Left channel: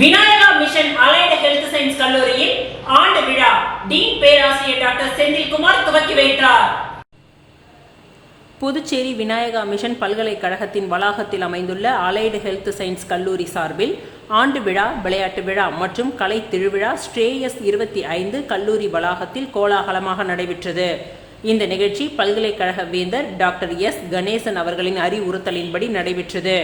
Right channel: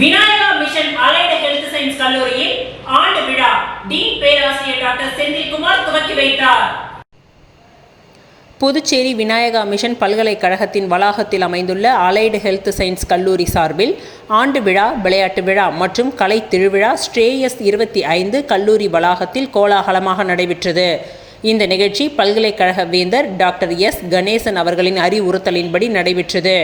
Vinayaka mission allied health science கல்லூரியில் ஆண்டு விழா டீன் பேராசிரியர் டாக்டர் செந்தில்குமார் துவக்கி வைத்தார். புதுச்சேரி விநாயகா மிஷன் பல்கலைக்கழகத்தின் வளாகத்தில் அமைந்துள்ள அலைடு ஹெல்த் சயின்ஸ் கல்லூரி சார்பில் ஆண்டு விழா, விளையாட்டு விழா மற்றும் கலை திருவிழா ஸ்ரேயஸ் 25 கல்லூரி வளாகத்தில் கோலாகலமாக நடைபெற்றது. இந்த நிகழ்ச்சி பல்கலைக்கழக வேந்தர் டாக்டர் எஸ். கணேசன் அவர்களின் அறிவுறுத்தலின்படி நடைபெற்றது.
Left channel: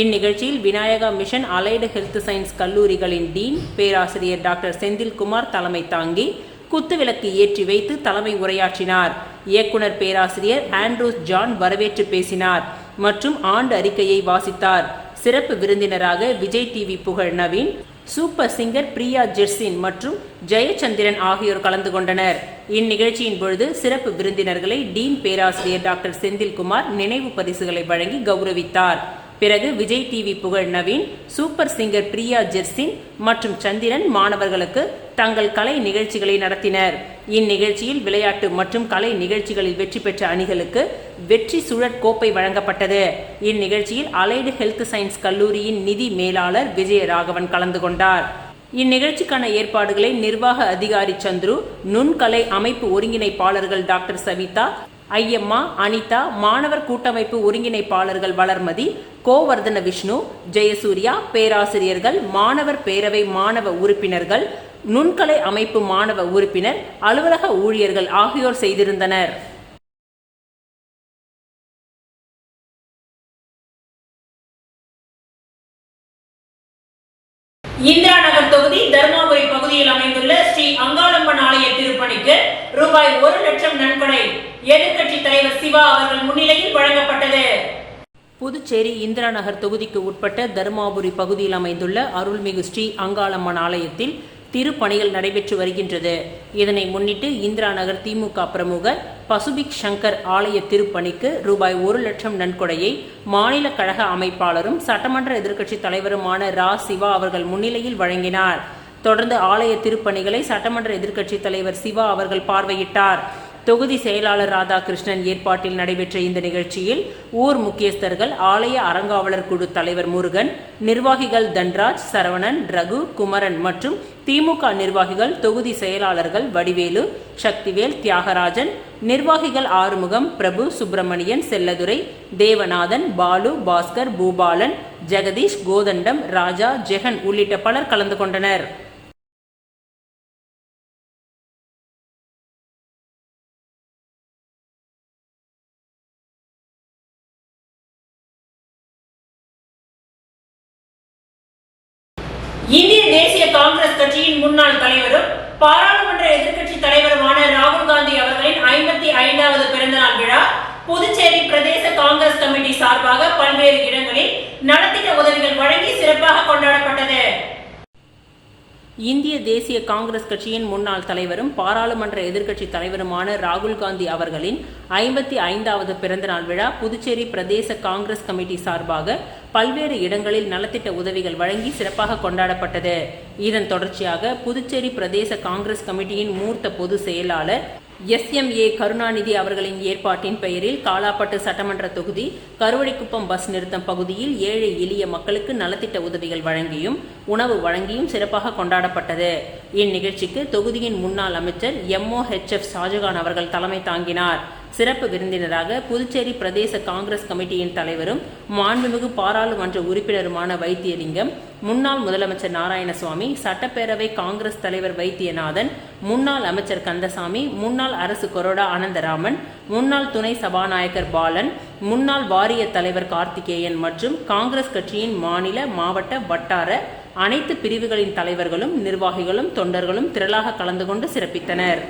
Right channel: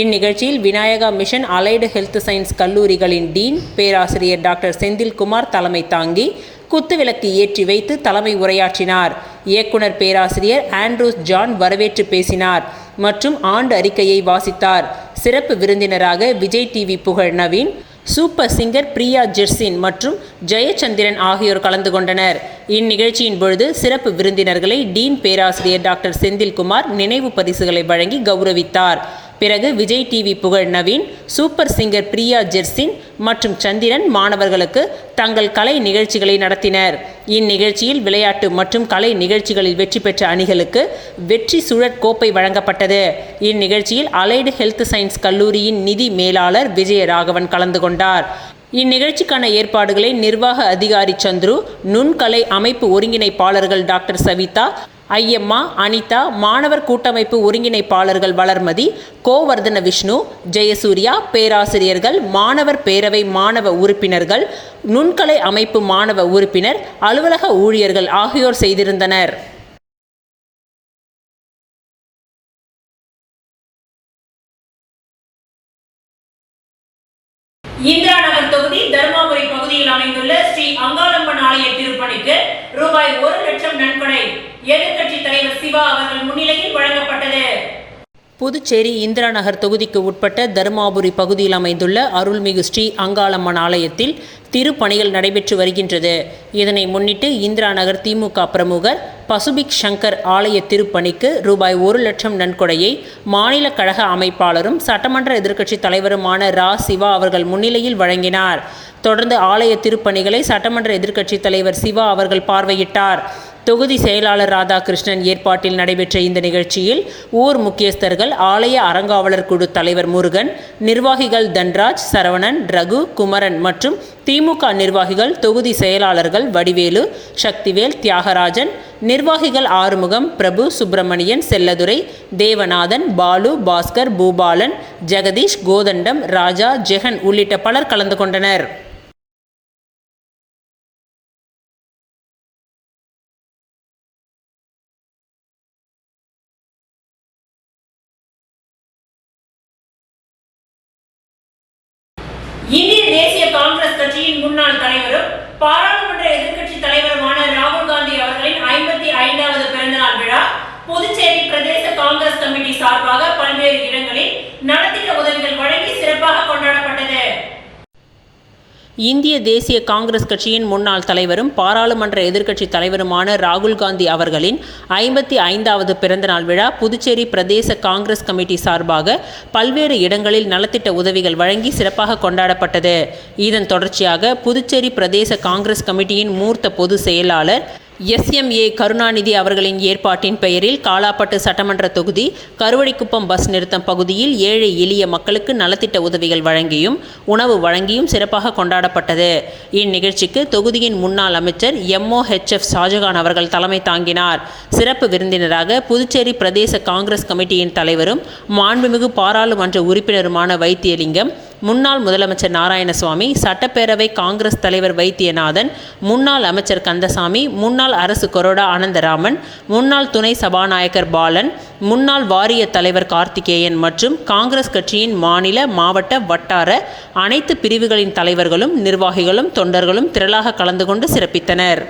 இந்நிகழ்ச்சியில் Vinayaka mission allied health science கல்லூரிகளின் டீன் பேராசிரியர் டாக்டர் செந்தில்குமார் தலைமை தாங்கி குத்துவிளக்கு ஏற்றி வைத்து தலைமை உரையாற்றினார். இயக்குனர் பேராசிரியர் ஆண்ட்ரூஸ் ஜான் வரவேற்று பேசினார் மற்றும் ஆண்டு அறிக்கையை வாசித்தார். சிறப்பு விருந்தினராக விஜய் டிவி புகழ் நவீன், சூப்பர் சிங்கர் பிரியா ஜெர்சின் மற்றும் ஜெயச்சந்திரன் ஆகியோர் கலந்து கொண்டனர். இந்நிகழ்ச்சியின் பொழுது சிறப்பு விருந்தினர்களை டீன் பேராசிரியர் டாக்டர் செந்தில்குமார் நினைவு பரிசுகளை வழங்கி கௌரவித்தார். பிறகு விஜய் டிவி புகழ் நவீன், சூப்பர் சிங்கர் பிரியா ஜெர்சின் மற்றும் சந்திரன் மாணவர்களுக்கு தங்கள் கலை நிகழ்ச்சிகளை நடத்தினர். இந்நிகழ்ச்சியில் விளையாட்டு மற்றும் கலை நிகழ்ச்சிகளில் வெற்றி பெற்ற அணிகளுக்கு வெற்றி சுழற் கோப்பை வழங்கப்பட்டது. இந்நிகழ்ச்சியில் அலைடு ஹெல்த் சயின்ஸ் கல்லூரியின் நிதி மேலாளர் விஜயராகவன் கலந்து கொண்டார். இந்நிகழ்ச்சிக்கான ஏற்பாடுகளை நிர்வாக அதிகாரி சந்துரு, நுண்கலை அமைப்பு ஒருங்கிணைப்பாளர்கள் டாக்டர் சவிதா, ஐயம்மா, அனிதா, மாணவர் கூட்டமைப்பு ஒருங்கிணைப்பாளர்கள் வளர்மதி, கோவர்தன விஷ்ணு, ஜெயசூர்யா, பேராசிரியர்கள், மாணவர் பேரவை மாணவ உறுப்பினர்கள், நுண்கலை அமைப்பு மாணவ உறுப்பினர், அலுவலக ஊழியர்கள் ஆகியோர் செய்திருந்தனர். இந்திரா நகர் தொகுதி தர்மாபுரி பகுதியில் அமைந்துள்ள ஸ்ரீ அங்காளம்மன் ஆலய திருப்பணிக்கு ரூபாய் 1 லட்சம் நன்கொடை எதிர்க்கட்சி தலைவர் சிவா அவர்கள் முன்னிலையில் வழங்கப்பட்டது. புதுச்சேரி இந்திரா நகர் தொகுதிக்கு உட்பட்ட தர்மாபுரி பகுதியில் அமைந்துள்ள அருள்மிகு ஸ்ரீ அங்காளம்மன் ஆலயத்தில் திருப்பணிகள் நடைபெற்று வருகின்றது. இதனை முன்னிட்டு இந்திரா நகர் திமுக பிரமுகர் பசுபிக் சங்கர் ஆலய திருப்பணிக்கு ரூபாய் 1 லட்சம் நன்கொடையை மாநில கழக அமைப்பாளரும் சட்டமன்ற எதிர்க்கட்சி தலைவருமான ரா. சிவா அவர்கள் முன்னிலையில் வழங்கினார். தொடர்ந்து ஆலய திருப்பணிகளை சட்டமன்ற எதிர்க்கட்சி தலைவர் சிவா அவர்கள் பார்வையிட்டார். தொகுதி செயலாளர் ராதாகிருஷ்ணன் ஏற்பாட்டில் நடைபெற்ற இந்த நிகழ்ச்சியில் ஊர் முக்கியஸ்தர்கள், ஆலய அறங்காவலர் குழு தலைவர் முருகன், நிர்வாகிகள் தன்ராஜ், சரவணன், ரகு, குமரன் மற்றும் திமுக நிர்வாகிகள், தொகுதி செயலாளர்கள் வடிவேலு, சக்திவேல், தியாகராஜன், நிர்வாகிகள் ஆறுமுகம், பிரபு, சுப்பிரமணியன், செல்லதுரை, தேவநாதன், பாலு, பாஸ்கர், பூபாலன், ஜெகதீஷ், கோதண்டம், ராஜா, ஜெகன் உள்ளிட்ட பலர் கலந்து கொண்டனர். இந்திய தேசிய காங்கிரஸ் கட்சியின் முன்னாள் தலைவரும் பாராளுமன்ற எதிர்க்கட்சி தலைவருமான ராகுல் காந்தி அவர்களின் 55வது பிறந்தநாள் விழா புதுச்சேரி பிரதேச காங்கிரஸ் கமிட்டி சார்பாக பல்வேறு இடங்களில் நலத்திட்ட உதவிகள் வழங்கி சிறப்பாக கொண்டாடப்பட்டது. இந்திய தேசிய காங்கிரஸ் கட்சியின் முன்னாள் தலைவரும் பாராளுமன்ற எதிர்க்கட்சி தலைவருமான ராகுல் காந்தி அவர்களின் 55வது பிறந்தநாள் விழா புதுச்சேரி பிரதேச காங்கிரஸ் கமிட்டி சார்பாக பல்வேறு இடங்களில் நலத்திட்ட உதவிகள் வழங்கி சிறப்பாக கொண்டாடப்பட்டது. இதன் தொடர்ச்சியாக புதுச்சேரி பிரதேச காங்கிரஸ் கமிட்டியின் மூர்த்த பொதுச் செயலாளர் SMA கருணாநிதி அவர்களின் ஏற்பாட்டின் பெயரில் காலாப்பட்டு சட்டமன்ற தொகுதி கருவடிக்குப்பம் பஸ் நிறுத்தம் பகுதியில் ஏழை எளிய மக்களுக்கு நலத்திட்ட உதவிகள் வழங்கியும் உணவு வழங்கியும் சிறப்பாக கொண்டாடப்பட்டது. இந்நிகழ்ச்சிக்கு தொகுதியின் முன்னாள் அமைச்சர் MOHF ஷாஜகான் அவர்கள் தலைமை தாங்கினார். சிறப்பு விருந்தினராக புதுச்சேரி பிரதேச காங்கிரஸ் கமிட்டியின் தலைவரும் மாண்புமிகு பாராளுமன்ற உறுப்பினருமான வைத்தியலிங்கம், முன்னாள் முதலமைச்சர் நாராயணசுவாமி, சட்டப்பேரவை காங்கிரஸ் தலைவர் வைத்தியநாதன், முன்னாள் அமைச்சர் கந்தசாமி, முன்னாள் அரசு கொறடா அனந்தராமன், முன்னாள் துணை சபாநாயகர் பாலன், முன்னாள் வாரிய தலைவர் கார்த்திகேயன் மற்றும் காங்கிரஸ் கட்சியின் மாநில, மாவட்ட, வட்டார அனைத்து பிரிவுகளின் தலைவர்களும் நிர்வாகிகளும் தொண்டர்களும் திரளாக கலந்து கொண்டு சிறப்பித்தனர்.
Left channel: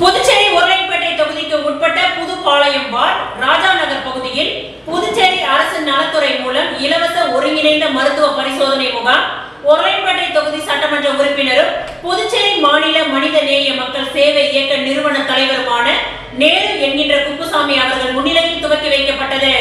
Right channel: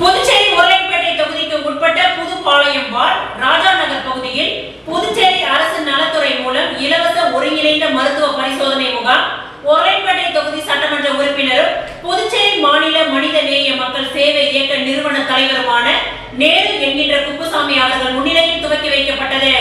புதுச்சேரி உருளைப்பேட்டை தொகுதிக்கு உட்பட்ட புதுப்பாளையம் வார்டு ராஜா நகர் பகுதியில் புதுச்சேரி அரசு நலத்துறை மூலம் இலவச ஒருங்கிணைந்த மருத்துவ பரிசோதனை முகாம் உருளைப்பேட்டை தொகுதி சட்டமன்ற உறுப்பினரும் புதுச்சேரி மாநில மனித நேய மக்கள் சேவை இயக்க நிறுவன தலைவருமான நேரு என்கின்ற குப்புசாமி அவர்கள் முன்னிலையில் துவக்கி வைக்கப்பட்டது.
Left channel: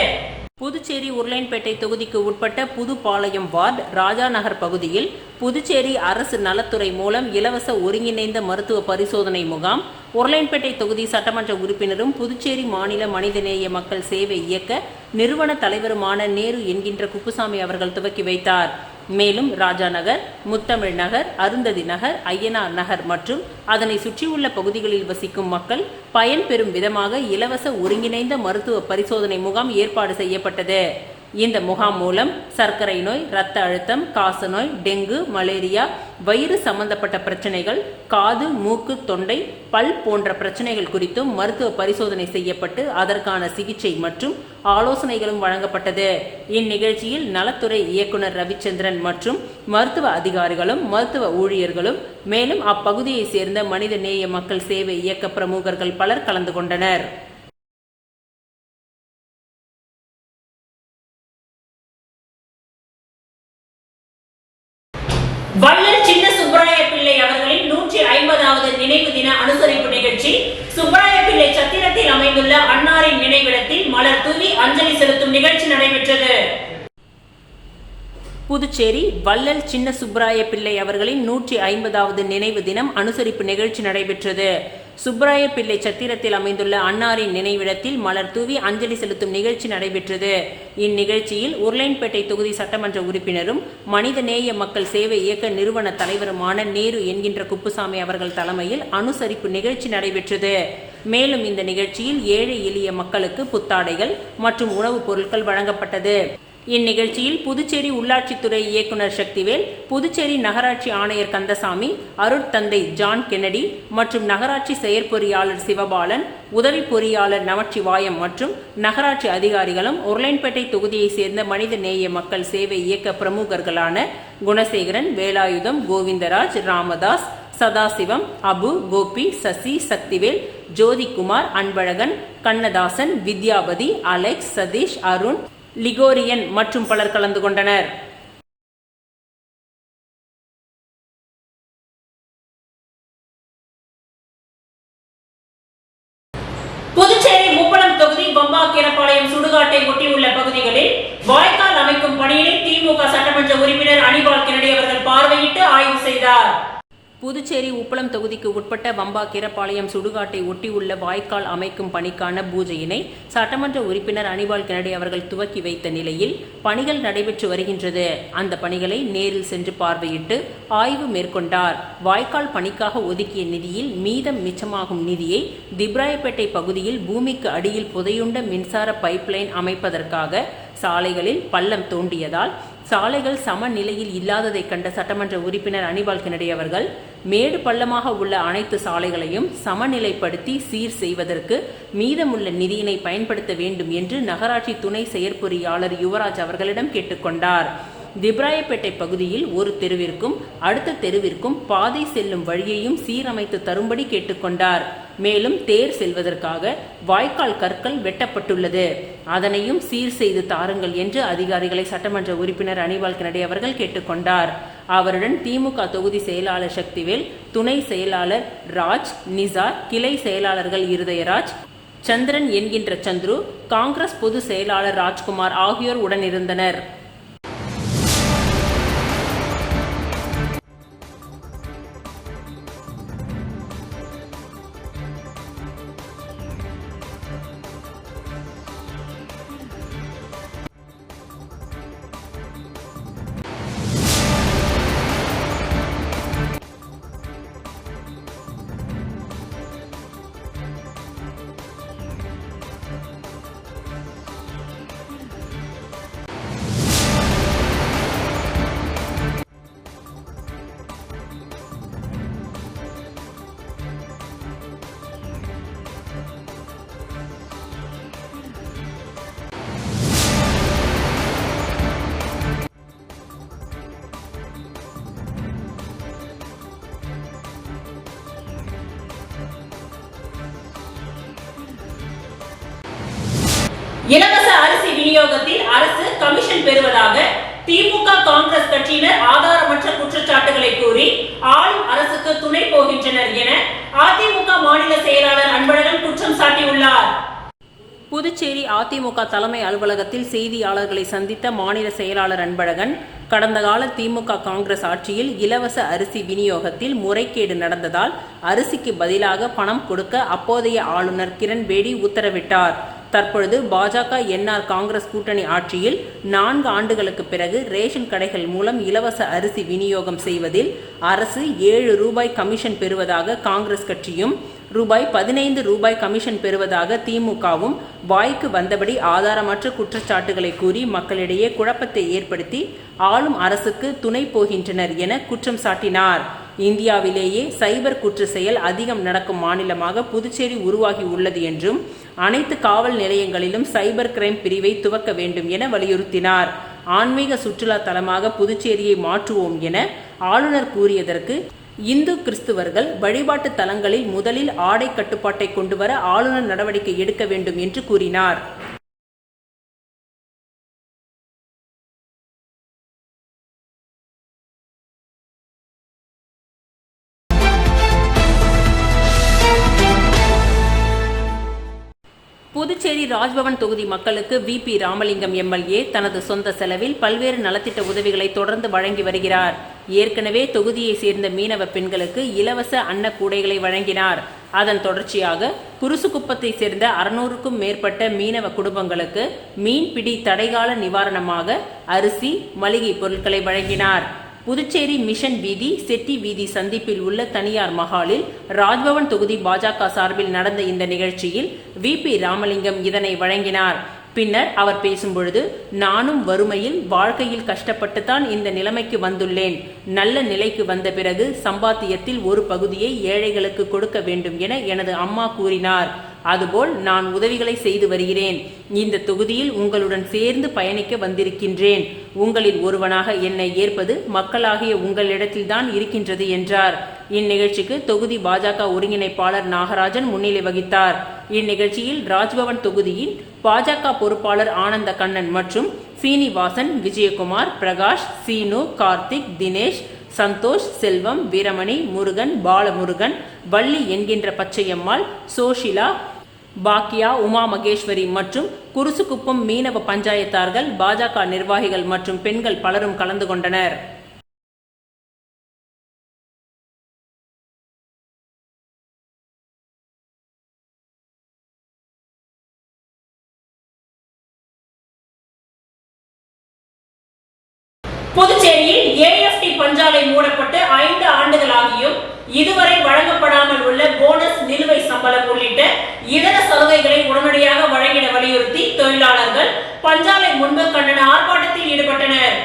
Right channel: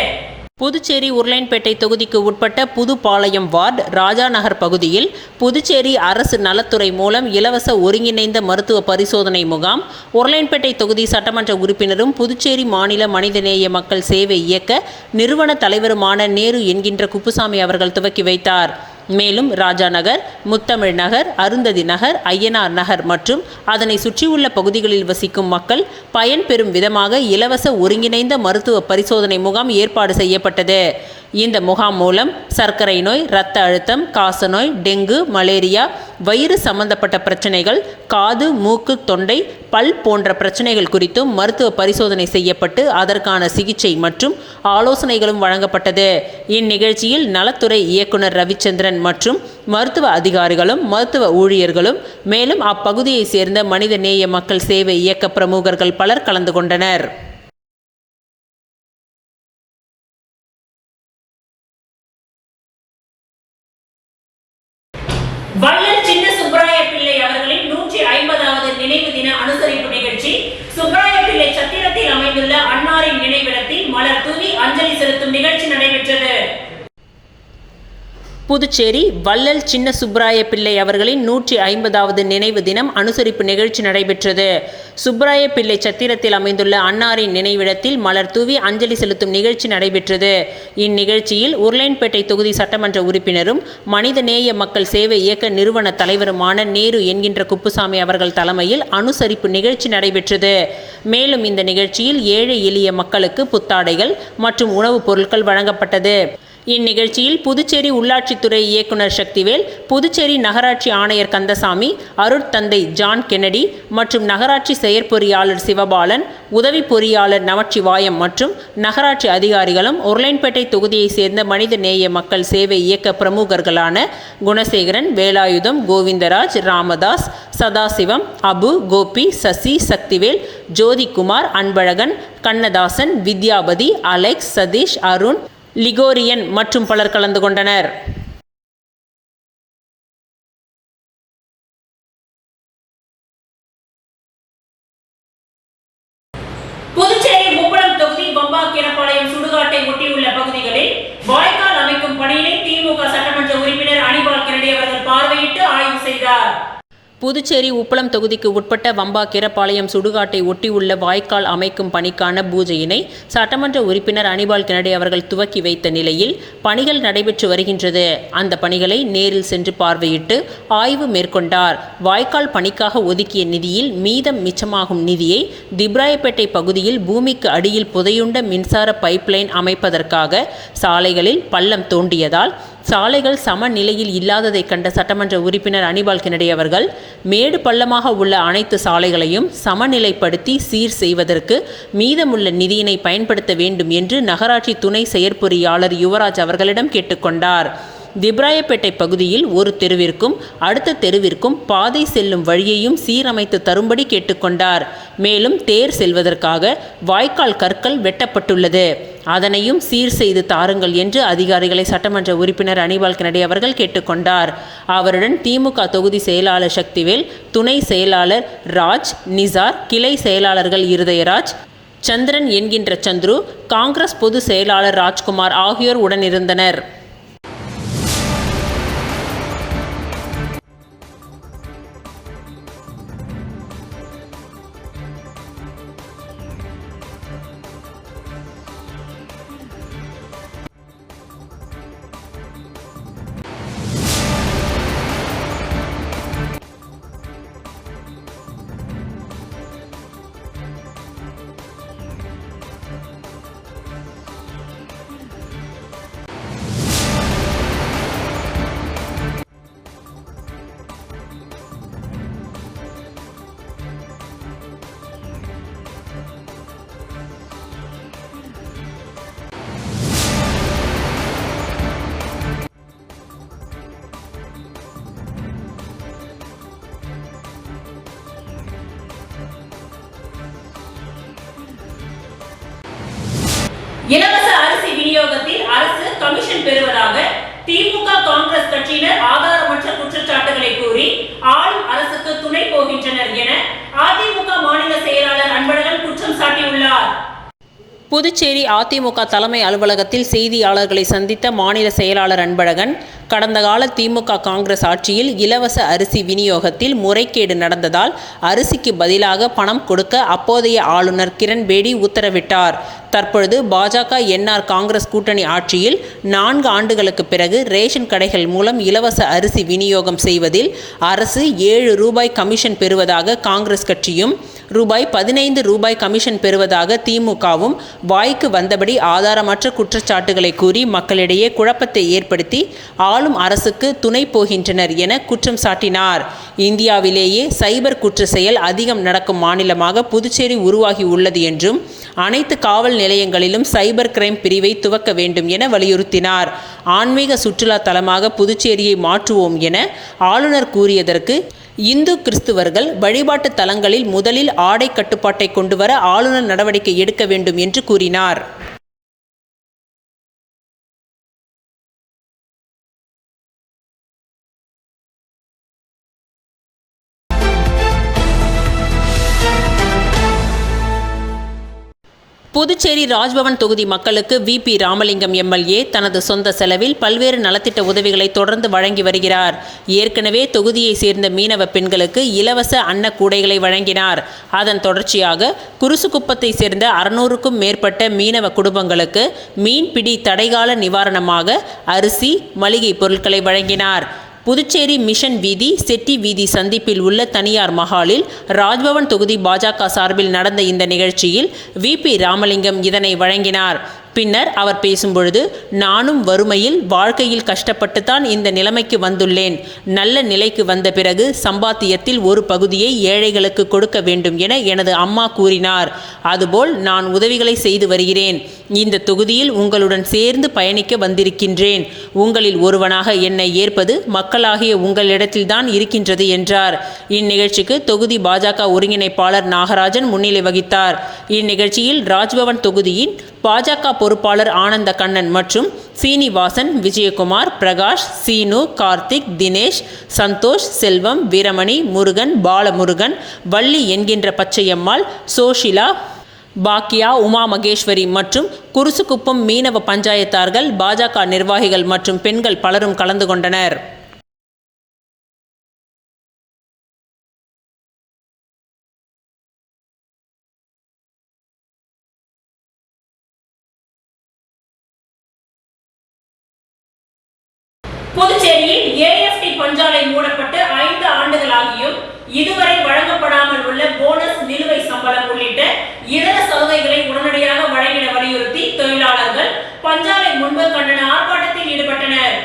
புதுச்சேரி உருளையன்பேட்டை தொகுதிக்கு உட்பட்ட புதுப்பாளையம் வார்டு ராஜா நகர் பகுதியில் புதுச்சேரி அரசு நலத்துறை மூலம் இலவச ஒருங்கிணைந்த மருத்துவ பரிசோதனை முகாம் உருளையன்பேட்டை தொகுதி சட்டமன்ற உறுப்பினரும் புதுச்சேரி மாநில மனிதநேய மக்கள் சேவை இயக்க நிறுவன தலைவருமான நேரு என்கின்ற குப்புசாமி அவர்கள் துவக்கி வைத்தார். மேலும் ராஜா நகர், முத்தமிழ் நகர், அருந்ததி நகர், ஐயனார் நகர் மற்றும் அதனை சுற்றியுள்ள பகுதிகளில் வசிக்கும் மக்கள் பயன்பெறும் விதமாக இலவச ஒருங்கிணைந்த மருத்துவ பரிசோதனை முகாம் ஏற்பாடு செய்யப்பட்டது. இந்த முகாம் மூலம் சர்க்கரை நோய், இரத்த அழுத்தம், காசநோய், டெங்கு, மலேரியா, வயிறு சம்பந்தப்பட்ட பிரச்சனைகள், காது, மூக்கு, தொண்டை, பல் போன்ற பிரச்சனைகள் குறித்தும் மருத்துவ பரிசோதனை செய்யப்பட்டு அதற்கான சிகிச்சை மற்றும் ஆலோசனைகளும் வழங்கப்பட்டது. இந்நிகழ்ச்சியில் நலத்துறை இயக்குனர் ரவிச்சந்திரன் மற்றும் மருத்துவ அதிகாரிகளும் மருத்துவ ஊழியர்களும் மேலும் அப்பகுதியை சேர்ந்த மனித நேய மக்கள் சேவை இயக்க பிரமுகர்கள் பலர் கலந்து கொண்டனர். வள்ளல் சின்ன சுப்பராய பிள்ளை அவர்களின் 150வது நினைவு தின அனுசரிப்பு நிகழ்ச்சி சுப்பராய பிள்ளை சத்திரத்தில் அமைந்துள்ள அன்னாரின் நினைவிடத்தில் மலர் தூவி அஞ்சலி செலுத்தும் நிகழ்ச்சி நடைபெற்றது. புதுச்சேரி வள்ளல் சின்ன சுப்பராய பிள்ளை அவர்களின் 150வது நினைவு தினம் அனுசரிப்பு நிகழ்ச்சி நடைபெற்றது. சுப்பராய பிள்ளை சத்திரத்தில் அமைந்துள்ள அன்னாரின் நினைவிடத்தில் மலர் தூவி அஞ்சலி செலுத்தும் நிகழ்ச்சி நடைபெற்றது. இந்நிகழ்ச்சியில் உருளையன்பேட்டை தொகுதி சட்டமன்ற உறுப்பினரும் மனிதநேய மக்கள் சேவை இயக்க நிறுவன தலைவருமான நேரு என்கின்ற குப்புசாமி அவர்கள் தலைமையில் அனுசரிப்பு நிகழ்ச்சி நடைபெற்றது. மேலும் இந்த நிகழ்ச்சியில் ஏழை எளிய மக்களுக்கு புத்தாடைகள் மற்றும் உணவுப் பொருட்கள் வழங்கப்பட்டது. இந்நிகழ்ச்சியில் புதுச்சேரி உள்ளாட்சித்துறை இயக்குனர் சக்திவேல், புதுச்சேரி நகராட்சி ஆணையர் கந்தசாமி, அருட்தந்தை ஜான் கென்னடி மற்றும் நகராட்சி செயற்பொறியாளர் சிவபாலன், உதவி பொறியாளர் நமச்சிவாயம் மற்றும் நகராட்சி அதிகாரிகளும் உருளையன்பேட்டை தொகுதியை சேர்ந்த மனித நேய மக்கள் சேவை இயக்க பிரமுகர்களான குணசேகரன், வேலாயுதம், கோவிந்தராஜ், ராமதாஸ், சதாசிவம், அபு, கோபி, சசி, சக்திவேல், ஜோதிகுமார், அன்பழகன், கண்ணதாசன், வித்யாபதி, அலெக்ஸ், சதீஷ், அருண், லிகோரியன் மற்றும் பலர் கலந்து கொண்டனர். புதுச்சேரி முப்பலம் தொகுதி வம்பாக்கீரப்பாளையம் சுடுகாட்டை ஒட்டியுள்ள பகுதிகளில் வாய்க்கால் அமைக்கும் பணியினை திமுக சட்டமன்ற உறுப்பினர் அனிபால் கென்னடி அவர்கள் பார்வையிட்டு ஆய்வு செய்தார். புதுச்சேரி உப்பளம் தொகுதிக்கு உட்பட்ட வம்பாக்கீரப்பாளையம் சுடுகாட்டை ஒட்டியுள்ள வாய்க்கால் அமைக்கும் பணிக்கான பூஜையினை சட்டமன்ற உறுப்பினர் அனிபால் கென்னடி அவர்கள் துவக்கி வைத்த நிலையில் பணிகள் நடைபெற்று வருகின்றது. அந்த பணிகளை நேரில் சென்று பார்வையிட்டு ஆய்வு மேற்கொண்டார். வாய்க்கால் பணிக்காக ஒதுக்கிய நிதியில் மீதம் மிச்சமாகும் நிதியை திப்ராயப்பேட்டை பகுதியில் பூமிக்கு அடியில் புதையுண்ட மின்சார பைப்லைன் அமைப்பதற்காக சாலைகளில் பள்ளம் தோண்டியதால் சாலைகள் சமநிலையில் இல்லாததை கண்ட சட்டமன்ற உறுப்பினர் அனிபால் கென்னடி அவர்கள் மேடு பள்ளமாக உள்ள அனைத்து சாலைகளையும் சமநிலைப்படுத்தி சீர் செய்வதற்கு மீதமுள்ள நிதியினை பயன்படுத்த வேண்டும் என்று நகராட்சி துணை செயற்பொறியாளர் யுவராஜ் அவர்களிடம் கேட்டுக்கொண்டார். திப்ராயப்பேட்டை பகுதியில் ஒரு தெருவிற்கும் அடுத்த தெருவிற்கும் பாதை செல்லும் வழியையும் சீரமைத்து தரும்படி கேட்டுக்கொண்டார். மேலும் தேர் செல்வதற்காக வாய்க்கால் கற்கள் வெட்டப்பட்டுள்ளது, அதனையும் சீர் செய்து தாருங்கள் என்று அதிகாரிகளை சட்டமன்ற உறுப்பினர் அனிபால் கென்னடி அவர்கள் கேட்டுக்கொண்டார். அவருடன் திமுக தொகுதி செயலாளர் சக்திவேல், துணை செயலாளர் ராஜ், நிசார், கிளை செயலாளர்கள் இருதயராஜ், சந்திரன் என்கின்ற சந்துரு, காங்கிரஸ் பொது செயலாளர் ராஜ்குமார் ஆகியோர் உடனிருந்தனர். இலவச அரிசி விநியோகத்தில் அரசு கமிஷன் பெறுவதாக திமுக காங்கிரஸ் கட்சியினர் ஆதாரமற்ற குற்றச்சாட்டுகளை கூறி ஆளும் அரசுக்கு துணை போகின்றனர் என அதிமுக மாநில செயலாளர் அன்பழகன் குற்றம் சாட்டியுள்ளார். புதுச்சேரி அதிமுக தலைமை அலுவலகத்தில் செய்தியாளர்களை சந்தித்த மாநில செயலாளர் அன்பழகன், கடந்த கால திமுக காங்கிரஸ் ஆட்சியில் இலவச அரிசி விநியோகத்தில் முறைகேடு நடந்ததால் அரிசிக்கு பதிலாக பணம் கொடுக்க அப்போதைய ஆளுநர் கிரண்பேடி உத்தரவிட்டார். தற்பொழுது பாஜக என்ஆர் காங்கிரஸ் கூட்டணி ஆட்சியில் 4 ஆண்டுகளுக்கு பிறகு ரேஷன் கடைகள் மூலம் இலவச அரிசி விநியோகம் செய்வதில் அரசு ரூபாய் 7 கமிஷன் பெறுவதாக காங்கிரஸ் கட்சியும், ரூபாய் 15 கமிஷன் பெறுவதாக திமுகவும் வாய்க்கு வந்தபடி ஆதாரமற்ற குற்றச்சாட்டுகளை கூறி மக்களிடையே குழப்பத்தை ஏற்படுத்தி ஆளும் அரசுக்கு துணை போகின்றனர் என குற்றம் சாட்டினார். இந்தியாவிலேயே சைபர் குற்ற செயல் அதிகம் நடக்கும் மாநிலமாக புதுச்சேரி உருவாகி உள்ளது என்றும், அனைத்து காவல் நிலையங்களிலும் சைபர் கிரைம் பிரிவை துவக்க வேண்டும் என வலியுறுத்தினார். ஆன்மீக சுற்றுலா தலமாக புதுச்சேரியை மாற்றுவோம் என ஆளுநர் கூறியதற்கு, இந்து கிறிஸ்துவர்கள் வழிபாட்டு தலங்களில் முதலில் ஆடை கட்டுப்பாட்டை கொண்டுவர ஆளுநர் நடவடிக்கை எடுக்க வேண்டும் என்று கூறினார். புதுச்சேரி ராஜ்பவன் தொகுதி மக்களுக்கு VP ராமலிங்கம் MLA தனது சொந்த செலவில் பல்வேறு நலத்திட்ட உதவிகளை தொடர்ந்து வழங்கி வருகிறார். ஏற்கனவே தொகுதியை சேர்ந்த மீனவ பெண்களுக்கு இலவச அன்ன கூடைகளை வழங்கினார். அதன் தொடர்ச்சியாக குருசுக்குப்பத்தை சேர்ந்த 600க்கும் மேற்பட்ட மீனவ குடும்பங்களுக்கு மீன்பிடி தடைகால நிவாரணமாக அரிசி, மளிகை பொருட்களை வழங்கினார். புதுச்சேரி மிஷன் வீதி, செட்டி வீதி சந்திப்பில் உள்ள தனியார் மஹாலில் ராஜ்பவன் தொகுதி பாஜக சார்பில் நடந்த இந்த நிகழ்ச்சியில் VP ராமலிங்கம் இதனை வழங்கினார். பின்னர் அவர் பேசும்பொழுது, நானும் வறுமையில் வாழ்க்கையில் கஷ்டப்பட்டுத்தான் இந்த நிலைமைக்கு வந்துள்ளேன். நல்ல நிலைக்கு வந்த பிறகு சம்பாத்தியத்தில் ஒரு பகுதியை ஏழைகளுக்கு கொடுக்க வேண்டும் என எனது அம்மா கூறினார். அதுபோல் நான் உதவிகளை செய்து வருகிறேன். இந்த தொகுதியில் உங்களுடன் சேர்ந்து பயணிக்க வந்திருக்கின்றேன். உங்களில் ஒருவனாக என்னை ஏற்பது மக்களாகிய உங்களிடத்தில்தான் இருக்கின்றது என்றார். இந்நிகழ்ச்சிக்கு தொகுதி பாஜக ஒருங்கிணைப்பாளர் நாகராஜன் முன்னிலை வகித்தார். இந்நிகழ்ச்சியில் ராஜ்பவன் தொகுதியின் பாஜக பொறுப்பாளர் ஆனந்த கண்ணன் மற்றும் சீனிவாசன், விஜயகுமார், பிரகாஷ், சீனு, கார்த்திக், தினேஷ், சந்தோஷ், செல்வம், வீரமணி, முருகன், பாலமுருகன், வள்ளி என்கின்ற பச்சையம்மாள், சோஷிலா, பாக்கியா, உமா மகேஸ்வரி மற்றும் குருசுக்குப்பம் மீனவ பஞ்சாயத்தார்கள், பாஜக நிர்வாகிகள் மற்றும் பெண்கள் பலரும் கலந்து கொண்டனர். புதுச்சேரியில் AFT பஞ்சாலை மூடப்பட்டு 5 ஆண்டுகளாகியும் இதுவரை வழங்கப்படாமல் உள்ள போனஸ், நிலுவை சம்பளம் உள்ளிட்ட இதர சலுகைகளை உடனடியாக வழங்கிட வலியுறுத்தி தொழிலாளர்கள் பஞ்சாலை முன்பு கண்டன ஆர்ப்பாட்டத்தில் ஈடுபட்டனர்.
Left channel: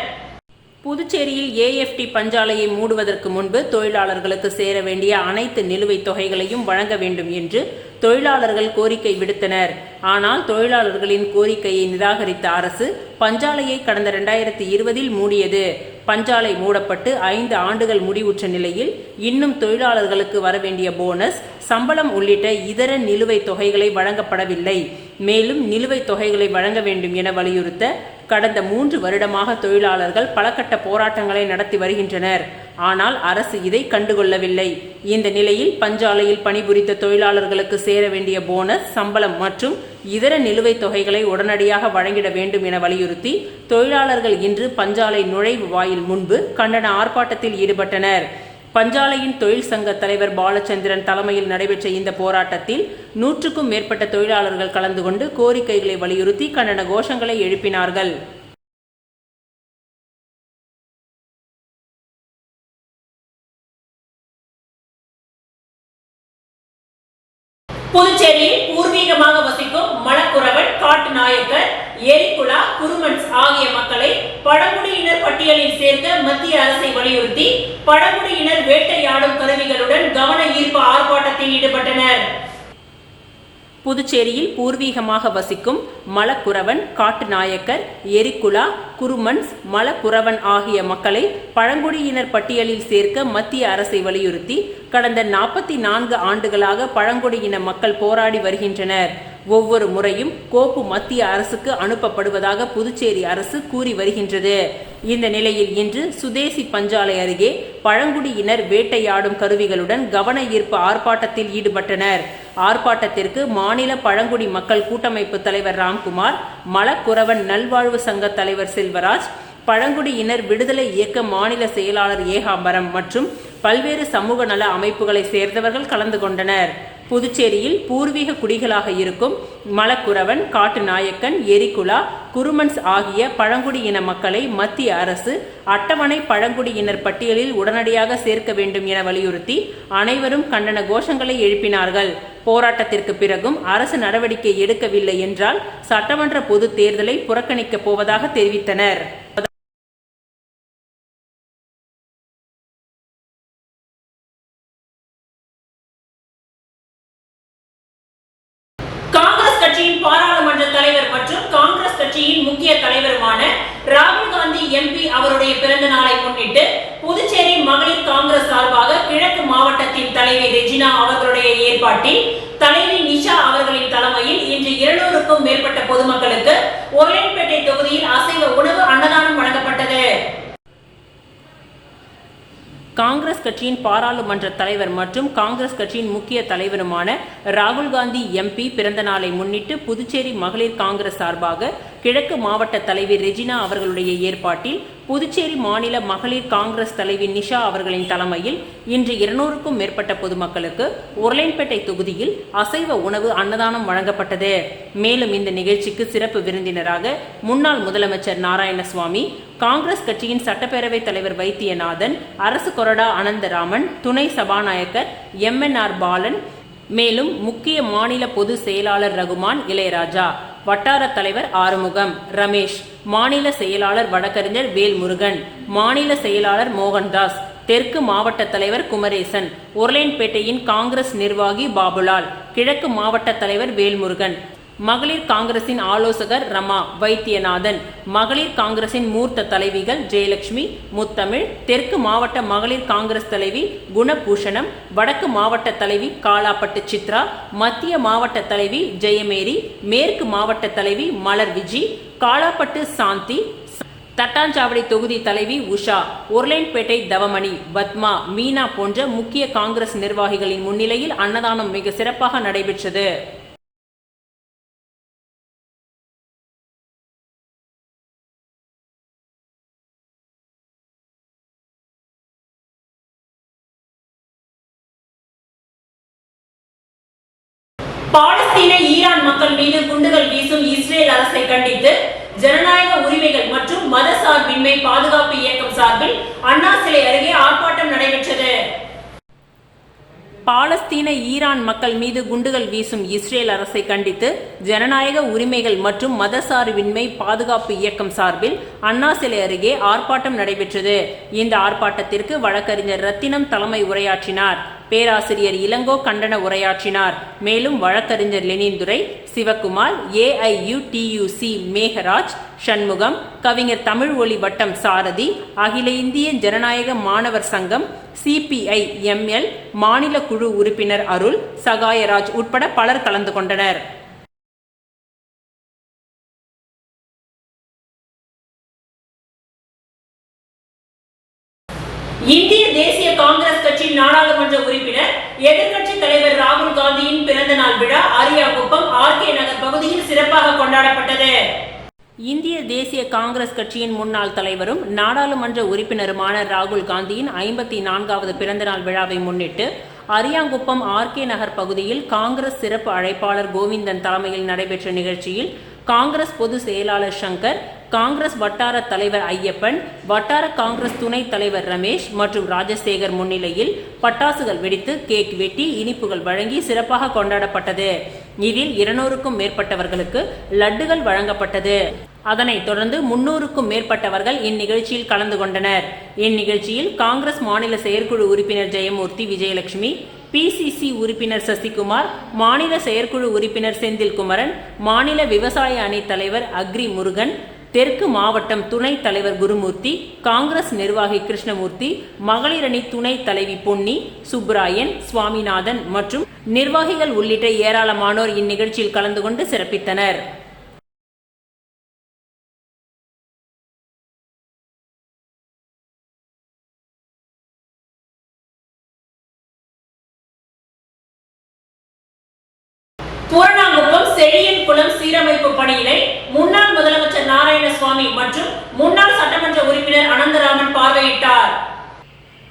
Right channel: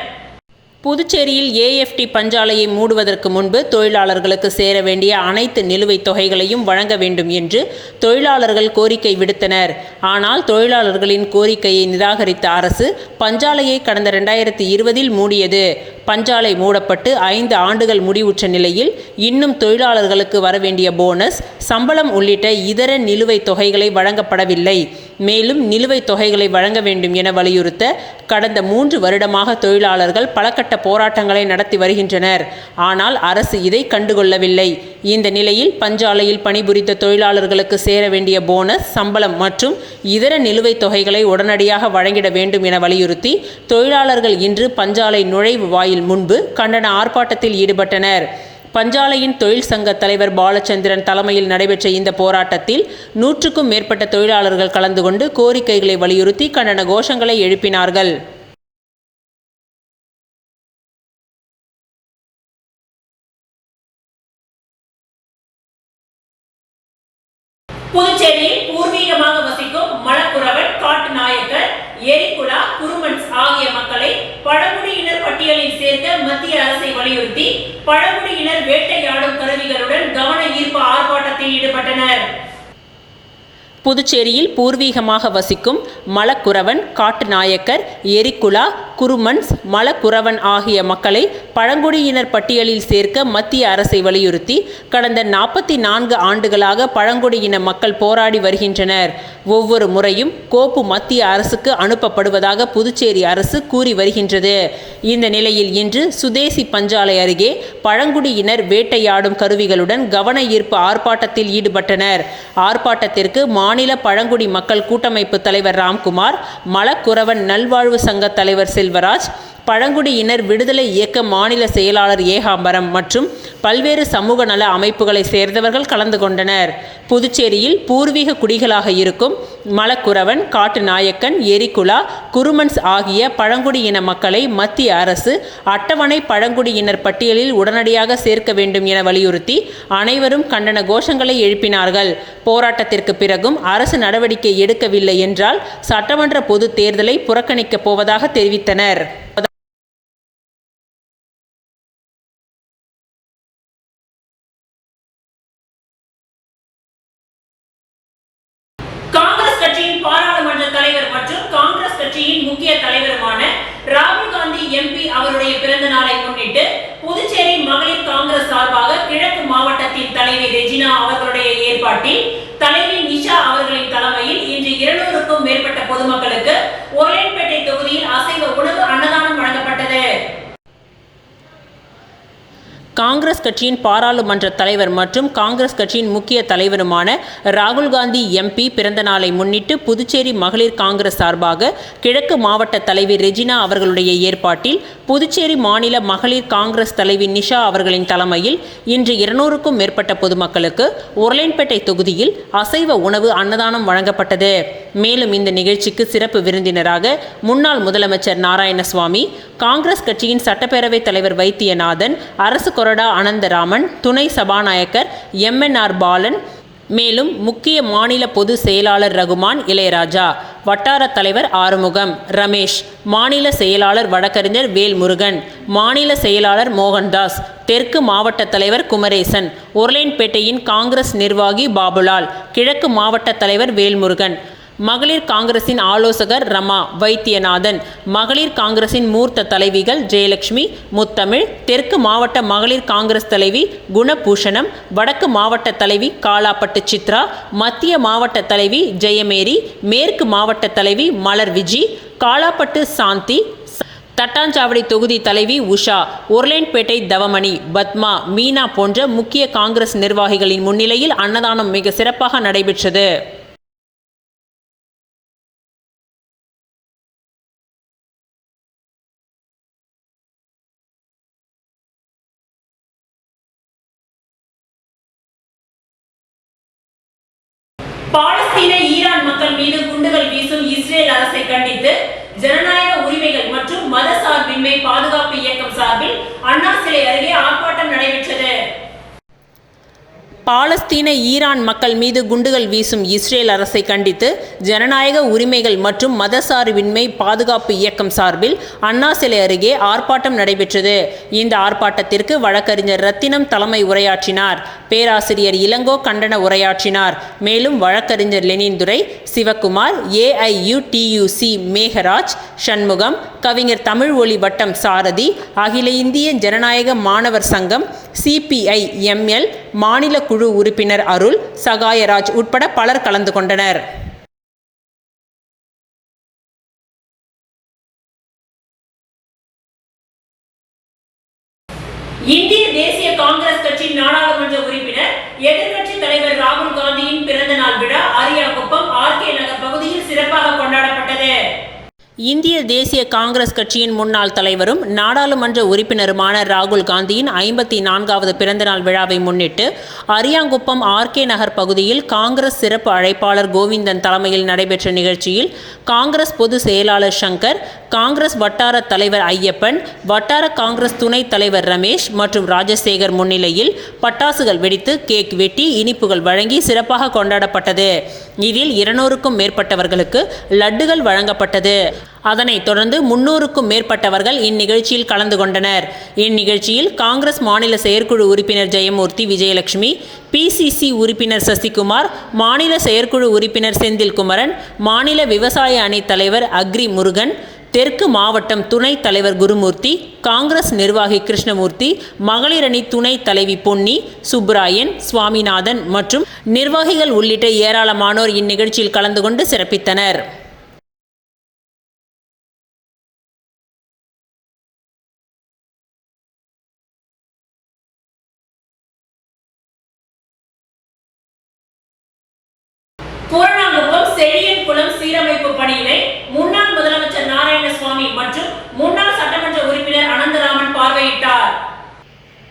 புதுச்சேரியில் AFT பஞ்சாலையை மூடுவதற்கு முன்பு தொழிலாளர்களுக்கு சேர வேண்டிய அனைத்து நிலுவைத் தொகைகளையும் வழங்க வேண்டும் என்று தொழிலாளர்கள் கோரிக்கை விடுத்தனர். ஆனால் தொழிலாளர்களின் கோரிக்கையை நிராகரித்த அரசு பஞ்சாலையை கடந்த 2020இல் மூடியது. பஞ்சாலை மூடப்பட்டு 5 ஆண்டுகள் முடிவுற்ற நிலையில் இன்னும் தொழிலாளர்களுக்கு வரவேண்டிய போனஸ், சம்பளம் உள்ளிட்ட இதர நிலுவைத் தொகைகளை வழங்கப்படவில்லை. மேலும் நிலுவைத் தொகைகளை வழங்க வேண்டும் என வலியுறுத்த கடந்த 3 வருடமாக தொழிலாளர்கள் பலகட்ட போராட்டங்களை நடத்தி வருகின்றனர். ஆனால் அரசு இதை கண்டுகொள்ளவில்லை. இந்த நிலையில் பஞ்சாலையில் பணிபுரித்த தொழிலாளர்களுக்கு சேர வேண்டிய போனஸ், சம்பளம் மற்றும் இதர நிலுவைத் தொகைகளை உடனடியாக வழங்கிட வேண்டும் என வலியுறுத்தி தொழிலாளர்கள் இன்று பஞ்சாலை நுழைவு வாயில் முன்பு கண்டன ஆர்ப்பாட்டத்தில் ஈடுபட்டனர். பஞ்சாலையின் தொழில் சங்க தலைவர் பாலச்சந்திரன் தலைமையில் நடைபெற்ற இந்த போராட்டத்தில் 100க்கும் மேற்பட்ட தொழிலாளர்கள் கலந்து கொண்டு கோரிக்கைகளை வலியுறுத்தி கண்டன கோஷங்களை எழுப்பினார்கள். புதுச்சேரியில் பூர்வீகமாக வசிக்கும் மலக்குறவன், காட்டு நாயக்கர், எரிக்குலா, குருமன்ஸ் ஆகிய மக்களை பழங்குடியினர் பட்டியலில் சேர்க்க மத்திய அரசை வலியுறுத்தி பழங்குடியினர் வேட்டையாடும் கருவிகளுடன் கவன ஈர்ப்பு ஆர்ப்பாட்டத்தில் ஈடுபட்டனர். புதுச்சேரியில் பூர்வீகமாக வசிக்கும் மலக்குறவன், காட்டு நாயக்கர், எரிக்குலா, குருமன்ஸ், மலக்குறவன் ஆகிய மக்களை பழங்குடியினர் பட்டியலில் சேர்க்க மத்திய அரசை வலியுறுத்தி கடந்த 44 ஆண்டுகளாக பழங்குடியின மக்கள் போராடி வருகின்றனர். ஒவ்வொரு முறையும் கோப்பு மத்திய அரசுக்கு அனுப்பப்படுவதாக புதுச்சேரி அரசு கூறி வருகின்றது. இந்த நிலையில் இன்று சுதேசி பஞ்சாலை அருகே பழங்குடியினர் வேட்டையாடும் கருவிகளுடன் கவன ஈர்ப்பு ஆர்ப்பாட்டத்தில் ஈடுபட்டனர். ஆர்ப்பாட்டத்திற்கு மாநில பழங்குடி மக்கள் கூட்டமைப்பு தலைவர் ராம்குமார், மலக்குறவன் நல்வாழ்வு சங்க தலைவர் செல்வராஜ், பழங்குடியினர் விடுதலை இயக்க மாநில செயலாளர் ஏகாம்பரம் மற்றும் பல்வேறு சமூக நல அமைப்புகளை சேர்ந்தவர்கள் கலந்து கொண்டனர். புதுச்சேரியில் பூர்வீக குடிகளாக இருக்கும் மலக்குறவன், காட்டுநாயக்கன், எரிகுலா, குருமன்ஸ் ஆகிய பழங்குடியின மக்களை மத்திய அரசு அட்டவணை பழங்குடியினர் பட்டியலில் உடனடியாக சேர்க்க வேண்டும் என வலியுறுத்தி அனைவரும் கண்டன கோஷங்களை எழுப்பினார்கள். போராட்டத்திற்கு பிறகும் அரசு நடவடிக்கை எடுக்கவில்லை என்றால் சட்டமன்ற பொது தேர்தலை புறக்கணிக்கப் போவதாக தெரிவித்தனர். கட்சியின் பாராளுமன்ற தலைவர் மற்றும் காங்கிரஸ் கட்சியின் முக்கிய தலைவருமான ராகுல் காந்தி எம்பி அவருடைய பிறந்த நாளை முன்னிட்டு புதுச்சேரி மகளிர் காங்கிரஸ் சார்பாக கிழக்கு மாவட்டத்தின் தலைவி ரெஜினா அவர்களுடைய ஏற்பாட்டில் தலைவி நிஷா அவர்களின் தலைமையில் இன்று 200க்கும் மேற்பட்ட பொதுமக்களுக்கு ஒரலைன்பேட்டை தொகுதியில் அசைவ உணவு அன்னதானம் வழங்கப்பட்டது. காங்கிரஸ் கட்சியின் பாராளுமன்ற தலைவர் மற்றும் காங்கிரஸ் கட்சியின் முக்கிய தலைவருமான ராகுல் காந்தி எம்பி பிறந்த நாளை முன்னிட்டு புதுச்சேரி மகளிர் காங்கிரஸ் சார்பாக கிழக்கு மாவட்ட தலைவி ரெஜினா அவர்களுடைய ஏற்பாட்டில் புதுச்சேரி மாநில மகளிர் காங்கிரஸ் தலைவி நிஷா அவர்களின் தலைமையில் இன்று 200க்கும் மேற்பட்ட பொதுமக்களுக்கு ஒரலைன்பேட்டை தொகுதியில் அசைவ உணவு அன்னதானம் வழங்கப்பட்டது. மேலும் இந்த நிகழ்ச்சிக்கு சிறப்பு விருந்தினராக முன்னாள் முதலமைச்சர் நாராயணசுவாமி, காங்கிரஸ் கட்சியின் சட்டப்பேரவைத் தலைவர் வைத்தியநாதன், அரசு கொறடா அனந்தராமன், துணை சபாநாயகர் MNR பாலன், மேலும் முக்கிய மாநில பொது செயலாளர் ரகுமான், இளையராஜா, வட்டார தலைவர் ஆறுமுகம், ரமேஷ், மாநில செயலாளர் வழக்கறிஞர் வேல்முருகன், மாநில செயலாளர் மோகன்தாஸ், தெற்கு மாவட்ட தலைவர் குமரேசன், ஒரலைன்பேட்டையின் காங்கிரஸ் நிர்வாகி பாபுலால், கிழக்கு மாவட்ட தலைவர் வேல்முருகன், மகளிர் காங்கிரசின் ஆலோசகர் ரமா, வைத்தியநாதன், மகளிர் காங்கிரசின் மூர்த்த தலைவிகள் ஜெயலட்சுமி, முத்தமிழ், தெற்கு மாவட்ட மகளிர் காங்கிரஸ் தலைவி குணபூஷணம், வடக்கு மாவட்ட தலைவி காலாப்பட்டு சித்ரா, மத்திய மாவட்ட தலைவி ஜெயமேரி, மேற்கு மாவட்ட தலைவி மலர் விஜி, காலாப்பட்டு சாந்தி, தட்டாஞ்சாவடி தொகுதி தலைவி உஷா, ஒரலைன்பேட்டை தவமணி, பத்மா, மீனா போன்ற முக்கிய காங்கிரஸ் நிர்வாகிகளின் முன்னிலையில் அன்னதானம் மிக சிறப்பாக நடைபெற்றது. பாலஸ்தீன ஈரான் மக்கள் மீது குண்டுகள் வீசும் இஸ்ரேல் அரசை கண்டித்து ஜனநாயக உரிமைகள் மற்றும் மதசார்பின்மை பாதுகாப்பு இயக்கம் சார்பில் அண்ணா சிலை அருகே ஆர்ப்பாட்டம் நடைபெற்றது. பாலஸ்தீன ஈரான் மக்கள் மீது குண்டுகள் வீசும் இஸ்ரேல் அரசை கண்டித்து ஜனநாயக உரிமைகள் மற்றும் மதசார்பின்மை பாதுகாப்பு இயக்கம் சார்பில் அண்ணா சிலை அருகே ஆர்ப்பாட்டம் நடைபெற்றது. இந்த ஆர்ப்பாட்டத்திற்கு வழக்கறிஞர் ரத்தினம் தலைமை உரையாற்றினார். பேராசிரியர் இளங்கோ கண்டன உரையாற்றினார். மேலும் வழக்கறிஞர் லெனின்துரை, சிவக்குமார், AIUTUC மேகராஜ், சண்முகம், கவிஞர் தமிழ் ஒளி வட்டம் சாரதி, அகில இந்திய ஜனநாயக மாணவர் சங்கம், CPI ML மாநில குழு உறுப்பினர் அருள், சகாயராஜ் உட்பட பலர் கலந்து கொண்டனர். இந்திய தேசிய காங்கிரஸ் கட்சி நாடாளுமன்ற உறுப்பினர் எதிர்க்கட்சி தலைவர் ராகுல் காந்தியின் பிறந்த நாள் விழா அரியாங்குப்பம் RK நகர் பகுதியில் சிறப்பாக கொண்டாடப்பட்டது. இந்திய தேசிய காங்கிரஸ் கட்சியின் முன்னாள் தலைவரும் நாடாளுமன்ற உறுப்பினருமான ராகுல் காந்தியின் 54வது பிறந்தநாள் விழாவை முன்னிட்டு அரியாங்குப்பம் RK நகர் பகுதியில் காங்கிரஸ் சிறப்பு அழைப்பாளர் கோவிந்தன் தலைமையில் நடைபெற்ற நிகழ்ச்சியில் காங்கிரஸ் பொது செயலாளர் சங்கர், காங்கிரஸ் வட்டார தலைவர் ஐயப்பன், வட்டார காங்கிரஸ் துணைத் தலைவர் ரமேஷ் மற்றும் ராஜசேகர் முன்னிலையில் பட்டாசுகள் வெடித்து கேக் வெட்டி இனிப்புகள் வழங்கி சிறப்பாக கொண்டாடப்பட்டது. இதில் 200க்கும் மேற்பட்டவர்களுக்கு லட்டுகள் வழங்கப்பட்டது. அதனைத் தொடர்ந்து 300க்கும் மேற்பட்டவர்கள் இந்நிகழ்ச்சியில் கலந்து கொண்டனர். இந்நிகழ்ச்சியில் காங்கிரஸ் மாநில செயற்குழு உறுப்பினர் ஜெயமூர்த்தி விஜயலட்சுமி, PCC உறுப்பினர் சசிகுமார், மாநில செயற்குழு உறுப்பினர் செந்தில்குமரன், மாநில விவசாய அணி தலைவர் அக்ரி முருகன், தெற்கு மாவட்டம் துணைத் தலைவர் குருமூர்த்தி, காங்கிரஸ் நிர்வாகி கிருஷ்ணமூர்த்தி, மகளிரணி துணைத் தலைவி பொன்னி, சுப்ராயன், சுவாமிநாதன் மற்றும் நிர்வாகிகள் உள்ளிட்ட ஏராளமானோர் இந்நிகழ்ச்சியில் கலந்து கொண்டு சிறப்பித்தனர். பூரணாங்குப்பம் செழியன் குளம் சீரமைப்பு பணியினை முன்னாள் முதலமைச்சர் நாராயணசுவாமி மற்றும் முன்னாள் சட்டமன்ற உறுப்பினர் அனந்தராமன் பார்வையிட்டார்.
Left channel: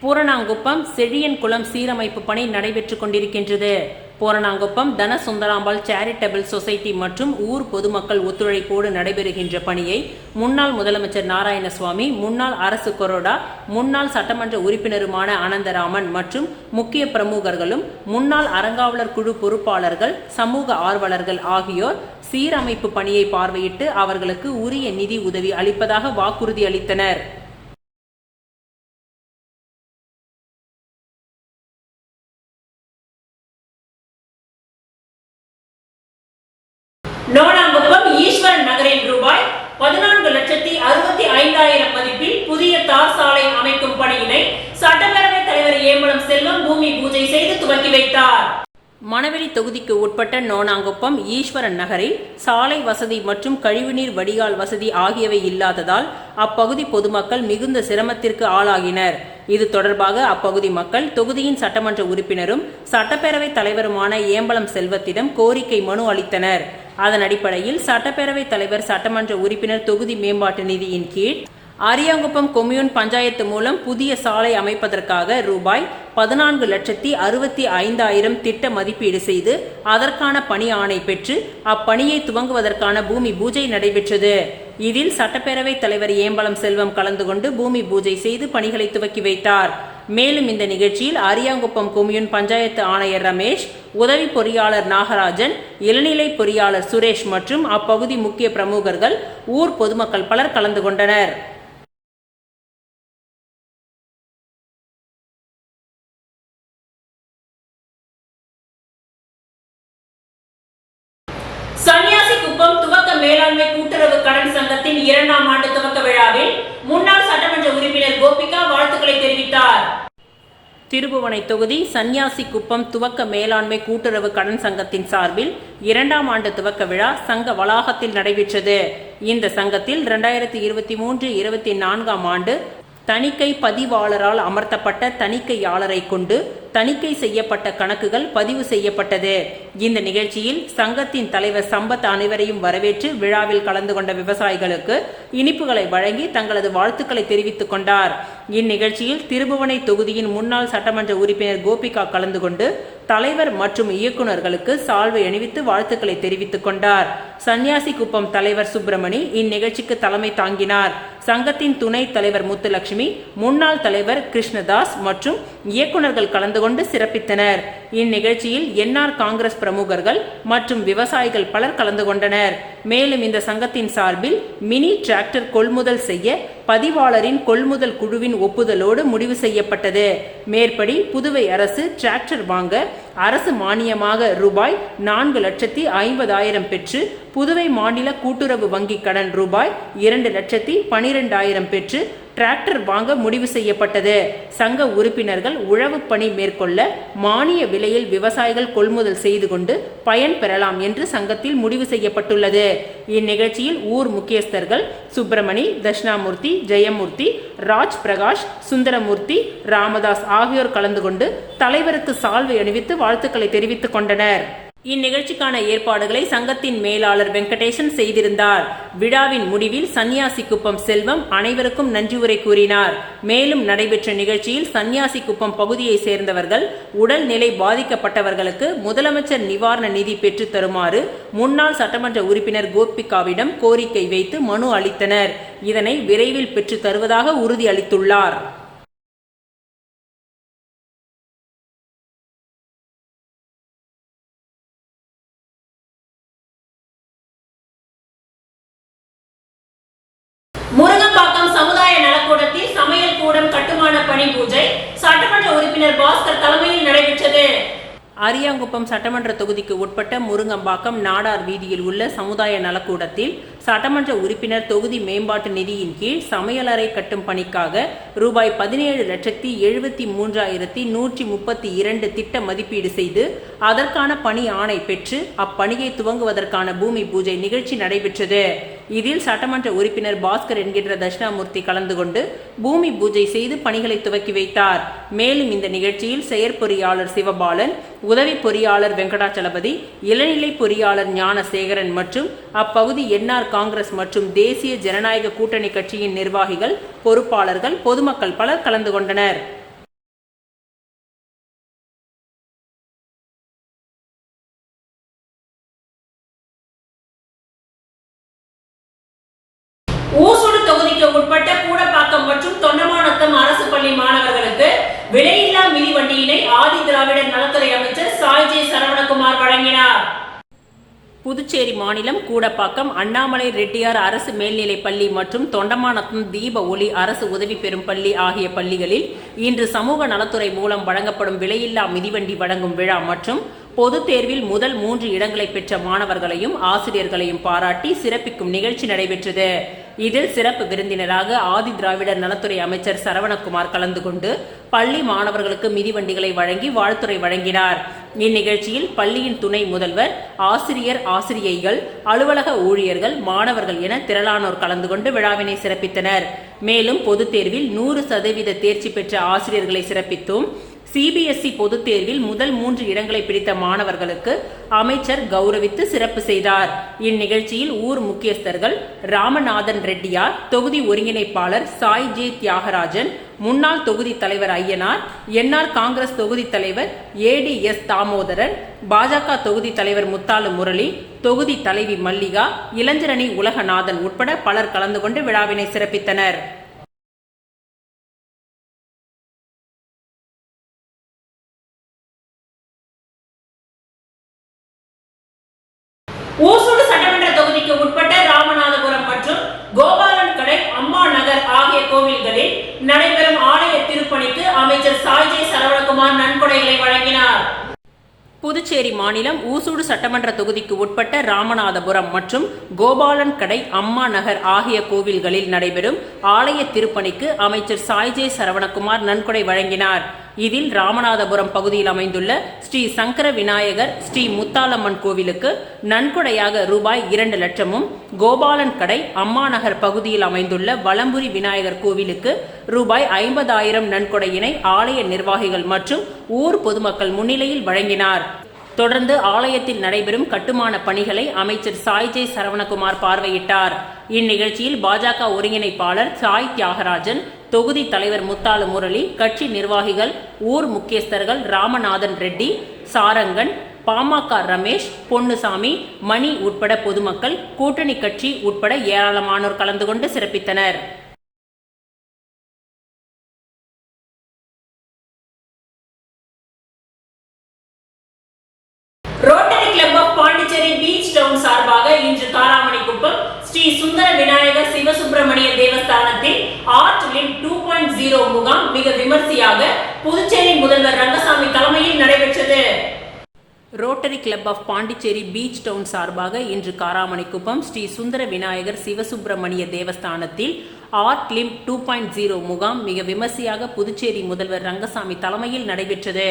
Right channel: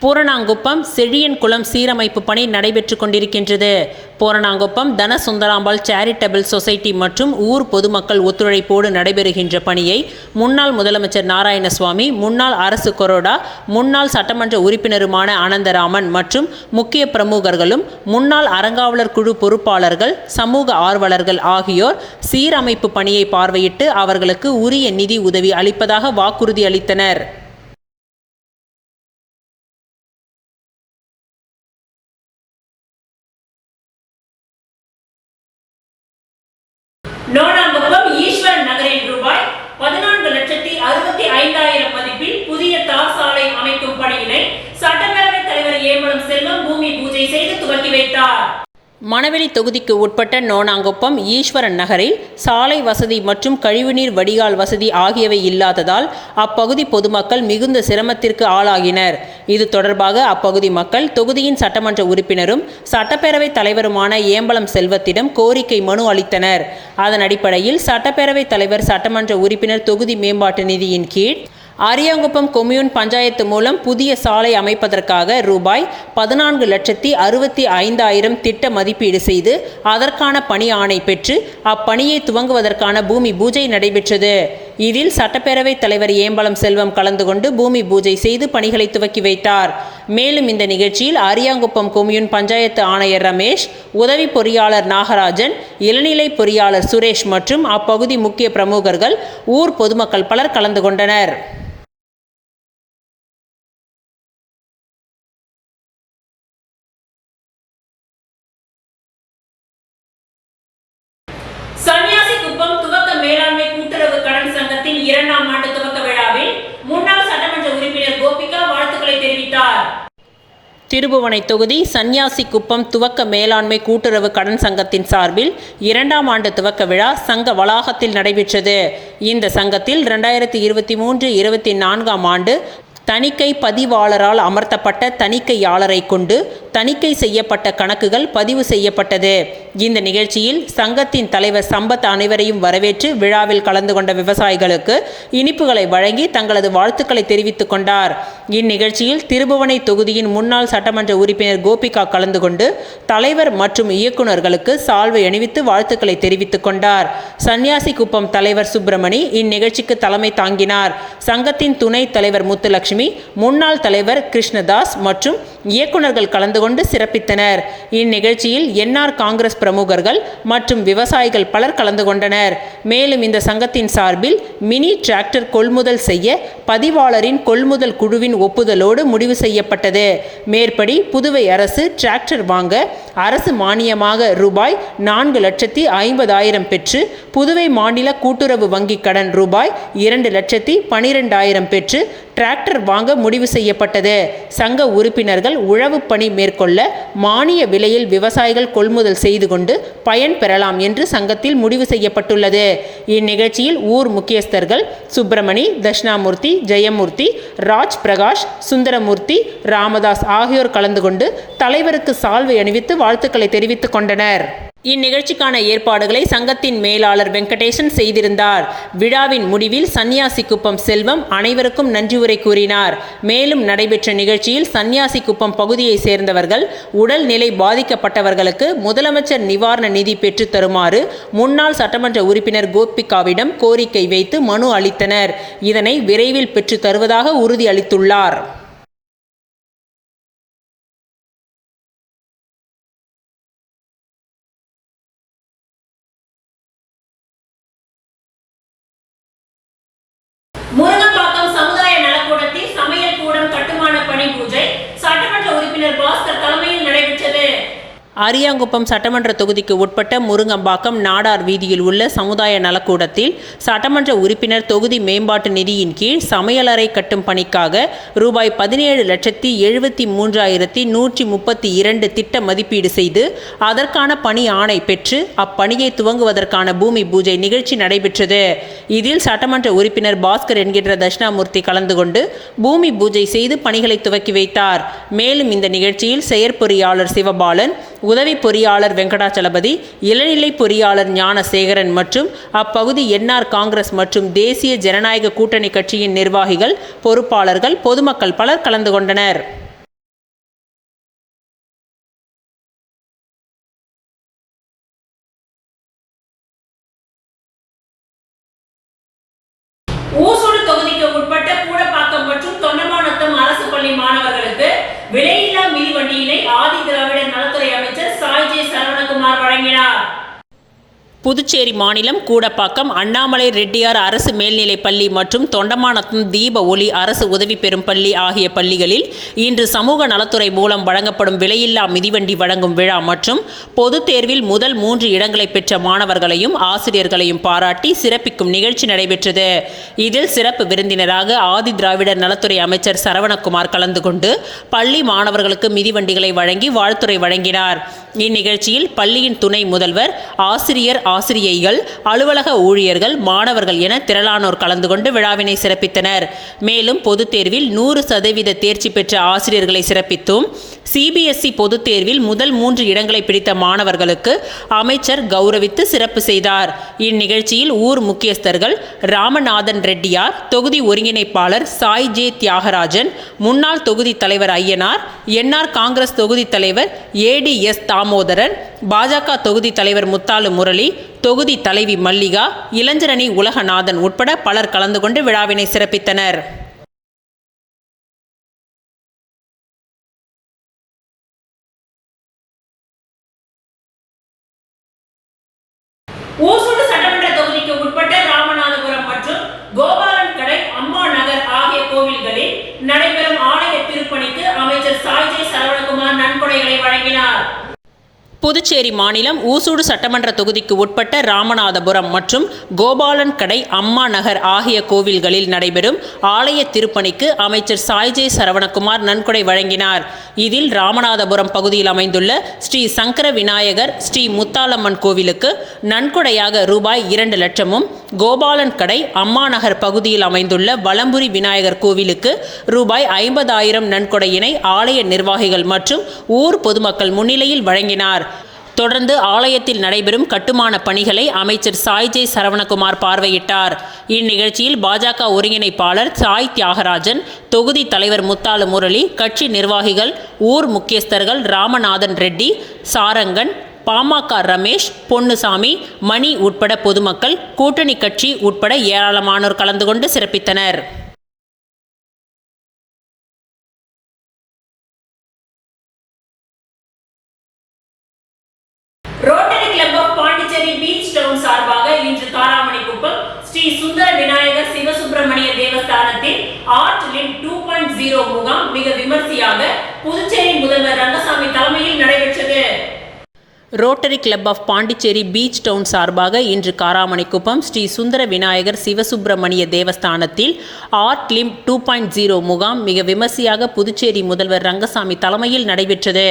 பூரணாங்குப்பம் செழியன் குளம் சீரமைப்பு பணி நடைபெற்று கொண்டிருக்கின்றது. பூரணாங்குப்பம் தனசுந்தராம்பாள் சேரிட்டபிள் சொசைட்டி மற்றும் ஊர் பொதுமக்கள் ஒத்துழைப்போடு நடைபெறுகின்ற பணியை முன்னாள் முதலமைச்சர் நாராயணசுவாமி, முன்னாள் அரசு கொறடா, முன்னாள் சட்டமன்ற உறுப்பினருமான அனந்தராமன் மற்றும் முக்கிய பிரமுகர்களும் முன்னாள் அறங்காவலர் குழு பொறுப்பாளர்கள், சமூக ஆர்வலர்கள் ஆகியோர் சீரமைப்பு பணியை பார்வையிட்டு அவர்களுக்கு உரிய நிதி உதவி அளிப்பதாக வாக்குறுதி அளித்தனர். நோனாங்குப்பம் ஈஸ்வரன் நகரில் ரூபாய் 14,65,000 மதிப்பில் புதிய தார் சாலை அமைக்கும் பணியினை சட்டப்பேரவைத் தலைவர் ஏம்பலம் செல்வம் பூமி பூஜை செய்து துவக்கி வைத்தார். மணவெளி தொகுதிக்கு உட்பட்ட நோனாங்குப்பம் ஈஸ்வரன் நகரில் சாலை வசதி மற்றும் கழிவுநீர் வடிகால் வசதி ஆகியவை இல்லாததால் அப்பகுதி பொதுமக்கள் மிகுந்த சிரமத்திற்கு ஆளாகினர். இது தொடர்பாக அப்பகுதி மக்கள் தொகுதியின் சட்டமன்ற உறுப்பினரும் சட்டப்பேரவைத் தலைவருமான ஏம்பலம் செல்வத்திடம் கோரிக்கை மனு அளித்தனர். அதன் அடிப்படையில் சட்டப்பேரவைத் தலைவர் சட்டமன்ற உறுப்பினர் தொகுதி மேம்பாட்டு நிதியின் கீழ் அரியாங்குப்பம் கொம்யூன் பஞ்சாயத்து மூலம் புதிய சாலை அமைப்பதற்காக ரூபாய் 14,65,000 திட்ட மதிப்பீடு செய்து அதற்கான பணி ஆணை பெற்று அப்பணியை துவங்குவதற்கான பூமி பூஜை நடைபெற்றது. இதில் சட்டப்பேரவைத் தலைவர் ஏம்பலம் செல்வம் கலந்து கொண்டு பூமி பூஜை செய்து பணிகளை துவக்கி வைத்தார். மேலும் இந்த நிகழ்ச்சியில் அரியாங்குப்பம் கொம்யூன் பஞ்சாயத்து ஆணையர் ரமேஷ், உதவி பொறியாளர் நாகராஜன், இளநிலை பொறியாளர் சுரேஷ் மற்றும் அப்பகுதி முக்கிய பிரமுகர்கள், ஊர் பொதுமக்கள் பலர் கலந்து கொண்டனர். சன்னியாசிக்குப்பம் துவக்க மேலாண்மை கூட்டுறவு கடன் சங்கத்தின் 2ஆம் ஆண்டு துவக்க விழாவில் முன்னாள் சட்டமன்ற உறுப்பினர் கோபிகா வாழ்த்துக்களை தெரிவித்தார். திருபுவனை தொகுதி சன்னியாசிக்குப்பம் துவக்க மேலாண்மை கூட்டுறவு கடன் சங்கத்தின் சார்பில் 2ஆம் ஆண்டு துவக்க விழா சங்க வளாகத்தில் நடைபெற்றது. இந்த சங்கத்தில் 2023-24ஆம் ஆண்டு தணிக்கை பதிவாளரால் அமர்த்தப்பட்ட தணிக்கையாளரை கொண்டு தணிக்கை செய்யப்பட்ட கணக்குகள் பதிவு செய்யப்பட்டது. இந்த நிகழ்ச்சியில் சங்கத்தின் தலைவர் சம்பத் அனைவரையும் வரவேற்று விழாவில் கலந்து கொண்ட விவசாயிகளுக்கு இனிப்புகளை வழங்கி தங்களது வாழ்த்துக்களை தெரிவித்துக் கொண்டார். இந்நிகழ்ச்சியில் திருபுவனை தொகுதியின் முன்னாள் சட்டமன்ற உறுப்பினர் கோபிகா கலந்து கொண்டு தலைவர் மற்றும் இயக்குநர்களுக்கு சால்வை அணிவித்து வாழ்த்துக்களை தெரிவித்துக் கொண்டார். சன்னியாசிக்குப்பம் தலைவர் சுப்பிரமணி இந்நிகழ்ச்சிக்கு தலைமை தாங்கினார். சங்கத்தின் துணைத் தலைவர் முத்துலட்சுமி, முன்னாள் தலைவர் கிருஷ்ணதாஸ் மற்றும் இயக்குநர்கள் கலந்து கொண்டு சிறப்பித்தனர். இந்நிகழ்ச்சியில் என்ஆர் காங்கிரஸ் பிரமுகர்கள் மற்றும் விவசாயிகள் பலர் கலந்து கொண்டனர். மேலும் இந்த சங்கத்தின் சார்பில் மினி டிராக்டர் கொள்முதல் செய்ய பதிவாளரின் கொள்முதல் குழுவின் ஒப்புதலோடு முடிவு செய்யப்பட்டது. மேற்படி புதுவை அரசு டிராக்டர் வாங்க அரசு மானியமாக ரூபாய் 4,50,000 பெற்று புதுவை மாநில கூட்டுறவு வங்கி கடன் ரூபாய் 2,12,000 பெற்று டிராக்டர் வாங்க முடிவு செய்யப்பட்டது. சங்க உறுப்பினர்கள் உழவு பணி மேற்கொள்ள மானிய விலையில் விவசாயிகள் கொள்முதல் செய்து கொண்டு பயன் பெறலாம் என்று சங்கத்தில் முடிவு செய்யப்பட்டுள்ளது. இந்நிகழ்ச்சியில் ஊர் முக்கியஸ்தர்கள் சுப்பிரமணி, தட்சிணாமூர்த்தி, ஜெயமூர்த்தி, ராஜ் பிரகாஷ், சுந்தரமூர்த்தி, ராமதாஸ் ஆகியோர் கலந்து கொண்டு தலைவருக்கு சால்வை அணிவித்து வாழ்த்துக்களை தெரிவித்துக் கொண்டனர். இந்நிகழ்ச்சிக்கான ஏற்பாடுகளை சங்கத்தின் மேலாளர் வெங்கடேசன் செய்திருந்தார். விழாவின் முடிவில் சன்னியாசிக்குப்பம் செல்வம் அனைவருக்கும் நன்றி உரை கூறினார். மேலும் நடைபெற்ற நிகழ்ச்சியில் சன்னியாசிக்குப்பம் பகுதியை சேர்ந்தவர்கள் உடல்நிலை பாதிக்கப்பட்டவர்களுக்கு முதலமைச்சர் நிவாரண நிதி பெற்றுத் தருமாறு முன்னாள் சட்டமன்ற உறுப்பினர் கோபிகாவிடம் கோரிக்கை வைத்து மனு அளித்தனர். இதனை விரைவில் பெற்றுத் தருவதாக உறுதி அளித்துள்ளார். முருங்கம்பாக்கம் சமுதாய நலக்கூடத்தில் சமையல் கூடம் கட்டுமான பணி பூஜை சட்டமன்ற உறுப்பினர் பாஸ்கர் தலைமையில் நடைபெற்றது. அரியாங்குப்பம் சட்டமன்ற தொகுதிக்கு உட்பட்ட முருங்கம்பாக்கம் நாடார் வீதியில் உள்ள சமுதாய நலக்கூடத்தில் சட்டமன்ற உறுப்பினர் தொகுதி மேம்பாட்டு நிதியின் கீழ் சமையலறை கட்டும் பணிக்காக ரூபாய் 17,73,132 திட்ட மதிப்பீடு செய்து அதற்கான பணி ஆணை பெற்று அப்பணியை துவங்குவதற்கான பூமி பூஜை நிகழ்ச்சி நடைபெற்றது. இதில் சட்டமன்ற உறுப்பினர் பாஸ்கர் என்கின்ற தட்சிணாமூர்த்தி கலந்து கொண்டு பூமி பூஜை செய்து பணிகளை துவக்கி வைத்தார். மேலும் இந்த நிகழ்ச்சியில் செயற்பொறியாளர் சிவபாலன், உதவி பொறியாளர் வெங்கடாச்சலபதி, இளநிலை பொறியாளர் ஞானசேகரன் மற்றும் அப்பகுதி என்ஆர் காங்கிரஸ் மற்றும் தேசிய ஜனநாயக கூட்டணி கட்சியின் நிர்வாகிகள், பொறுப்பாளர்கள், பொதுமக்கள் பலர் கலந்து கொண்டனர். ஊசூடு தொகுதிக்கு உட்பட்ட கூடப்பாக்கம் மற்றும் தொண்டமாநத்தம் அரசு பள்ளி மாணவர்களுக்கு விலையில்லா மிதிவண்டியினை ஆதி திராவிடர் நலத்துறை அமைச்சர் சாய் ஜே சரவணகுமார் வழங்கினார். புதுச்சேரி மாநிலம் கூடப்பாக்கம் அண்ணாமலை ரெட்டியார் அரசு மேல்நிலைப் பள்ளி மற்றும் தொண்டமாநத்தம் தீப ஒளி அரசு உதவி பெறும் பள்ளி ஆகிய பள்ளிகளில் இன்று சமூக நலத்துறை மூலம் வழங்கப்படும் விலையில்லா மிதிவண்டி வழங்கும் விழா மற்றும் பொதுத் தேர்வில் முதல் 3 இடங்களை பெற்ற மாணவர்களையும் ஆசிரியர்களையும் பாராட்டி சிறப்பிக்கும் நிகழ்ச்சி நடைபெற்றது. இதில் சிறப்பு விருந்தினராக ஆதி திராவிடர் நலத்துறை அமைச்சர் சரவணகுமார் கலந்து கொண்டு பள்ளி மாணவர்களுக்கு மிதிவண்டிகளை வழங்கி வாழ்த்துரை வழங்கினார். இந்நிகழ்ச்சியில் பள்ளியின் துணை முதல்வர், ஆசிரியைகள், அலுவலக ஊழியர்கள், மாணவர்கள் என திரளானோர் கலந்து கொண்டு விழாவினை சிறப்பித்தனர். மேலும் பொதுத் தேர்வில் 100% தேர்ச்சி பெற்ற ஆசிரியர்களை சிறப்பித்தும் சிபிஎஸ்இ பொதுத் தேர்வில் முதல் 3 இடங்களை பிடித்த மாணவர்களுக்கு அமைச்சர் கௌரவித்து சிறப்பு செய்தார். இந்நிகழ்ச்சியில் ஊர் முக்கியஸ்தர்கள் ராமநாதன் ரெட்டியார், தொகுதி ஒருங்கிணைப்பாளர் சாய் ஜே தியாகராஜன், முன்னாள் தொகுதி தலைவர் ஐயனார், என்ஆர் காங்கிரஸ் தொகுதி தலைவர் ஏடிஎஸ் தாமோதரன், பாஜக தொகுதி தலைவர் முத்தாலு முரளி, தொகுதி தலைவி மல்லிகா, இளைஞரணி உலகநாதன் உட்பட பலர் கலந்து கொண்டு விழாவினை சிறப்பித்தனர். ஊசூடு சட்டமன்ற தொகுதிக்கு உட்பட்ட ராமநாதபுரம் மற்றும் கோபாலன் கடை, அம்மா நகர் ஆகிய கோவில்களில் நடைபெறும் ஆலய திருப்பணிக்கு அமைச்சர் சாய் ஜே சரவணகுமார் நன்கொடைகளை வழங்கினார். புதுச்சேரி மாநிலம் ஊசூடு சட்டமன்ற தொகுதிக்கு உட்பட்ட ராமநாதபுரம் மற்றும் கோபாலன் கடை, அம்மா நகர் ஆகிய கோவில்களில் நடைபெறும் ஆலய திருப்பணிக்கு அமைச்சர் சாய் ஜே சரவணகுமார் நன்கொடை வழங்கினார். இதில் ராமநாதபுரம் பகுதியில் அமைந்துள்ள ஸ்ரீ சங்கர விநாயகர், ஸ்ரீ முத்தாலம்மன் கோவிலுக்கு நன்கொடையாக ரூபாய் 2 லட்சமும், கோபாலன் கடை, அம்மா நகர் பகுதியில் அமைந்துள்ள வலம்புரி விநாயகர் கோவிலுக்கு ரூபாய் 50,000 நன்கொடையினை ஆலய நிர்வாகிகள் மற்றும் ஊர் பொதுமக்கள் முன்னிலையில் வழங்கினார். தொடர்ந்து ஆலயத்தில் நடைபெறும் கட்டுமான பணிகளை அமைச்சர் சாய் ஜே சரவணகுமார் பார்வையிட்டார். இந்நிகழ்ச்சியில் பாஜக ஒருங்கிணைப்பாளர் சாய் தியாகராஜன், தொகுதி தலைவர் முத்தாலு முரளி, கட்சி நிர்வாகிகள், ஊர் முக்கியஸ்தர்கள் ராமநாதன் ரெட்டி, சாரங்கன், பாமக ரமேஷ், பொன்னுசாமி, மணி உட்பட பொதுமக்கள், கூட்டணி கட்சி உட்பட ஏராளமானோர் கலந்து கொண்டு சிறப்பித்தனர். Rotary Club of Pondicherry Beach Town சார்பாக இன்று காராமணிக்குப்பம் ஸ்ரீ சுந்தர விநாயகர் சிவசுப்பிரமணிய தேவஸ்தானத்தில் ஆர்ட் லிம் 2.0 முகாம் மிக விமர்சையாக புதுச்சேரி முதல்வர் ரங்கசாமி தலைமையில் நடைபெற்றது. Rotary Club of Pondicherry Beach Town சார்பாக இன்று காராமணிக்குப்பம் ஸ்ரீ சுந்தர விநாயகர் சிவசுப்பிரமணிய தேவஸ்தானத்தில் ஆர்ட் லிம் 2.0 முகாம் மிக விமர்சையாக புதுச்சேரி முதல்வர் ரங்கசாமி தலைமையில் நடைபெற்றது.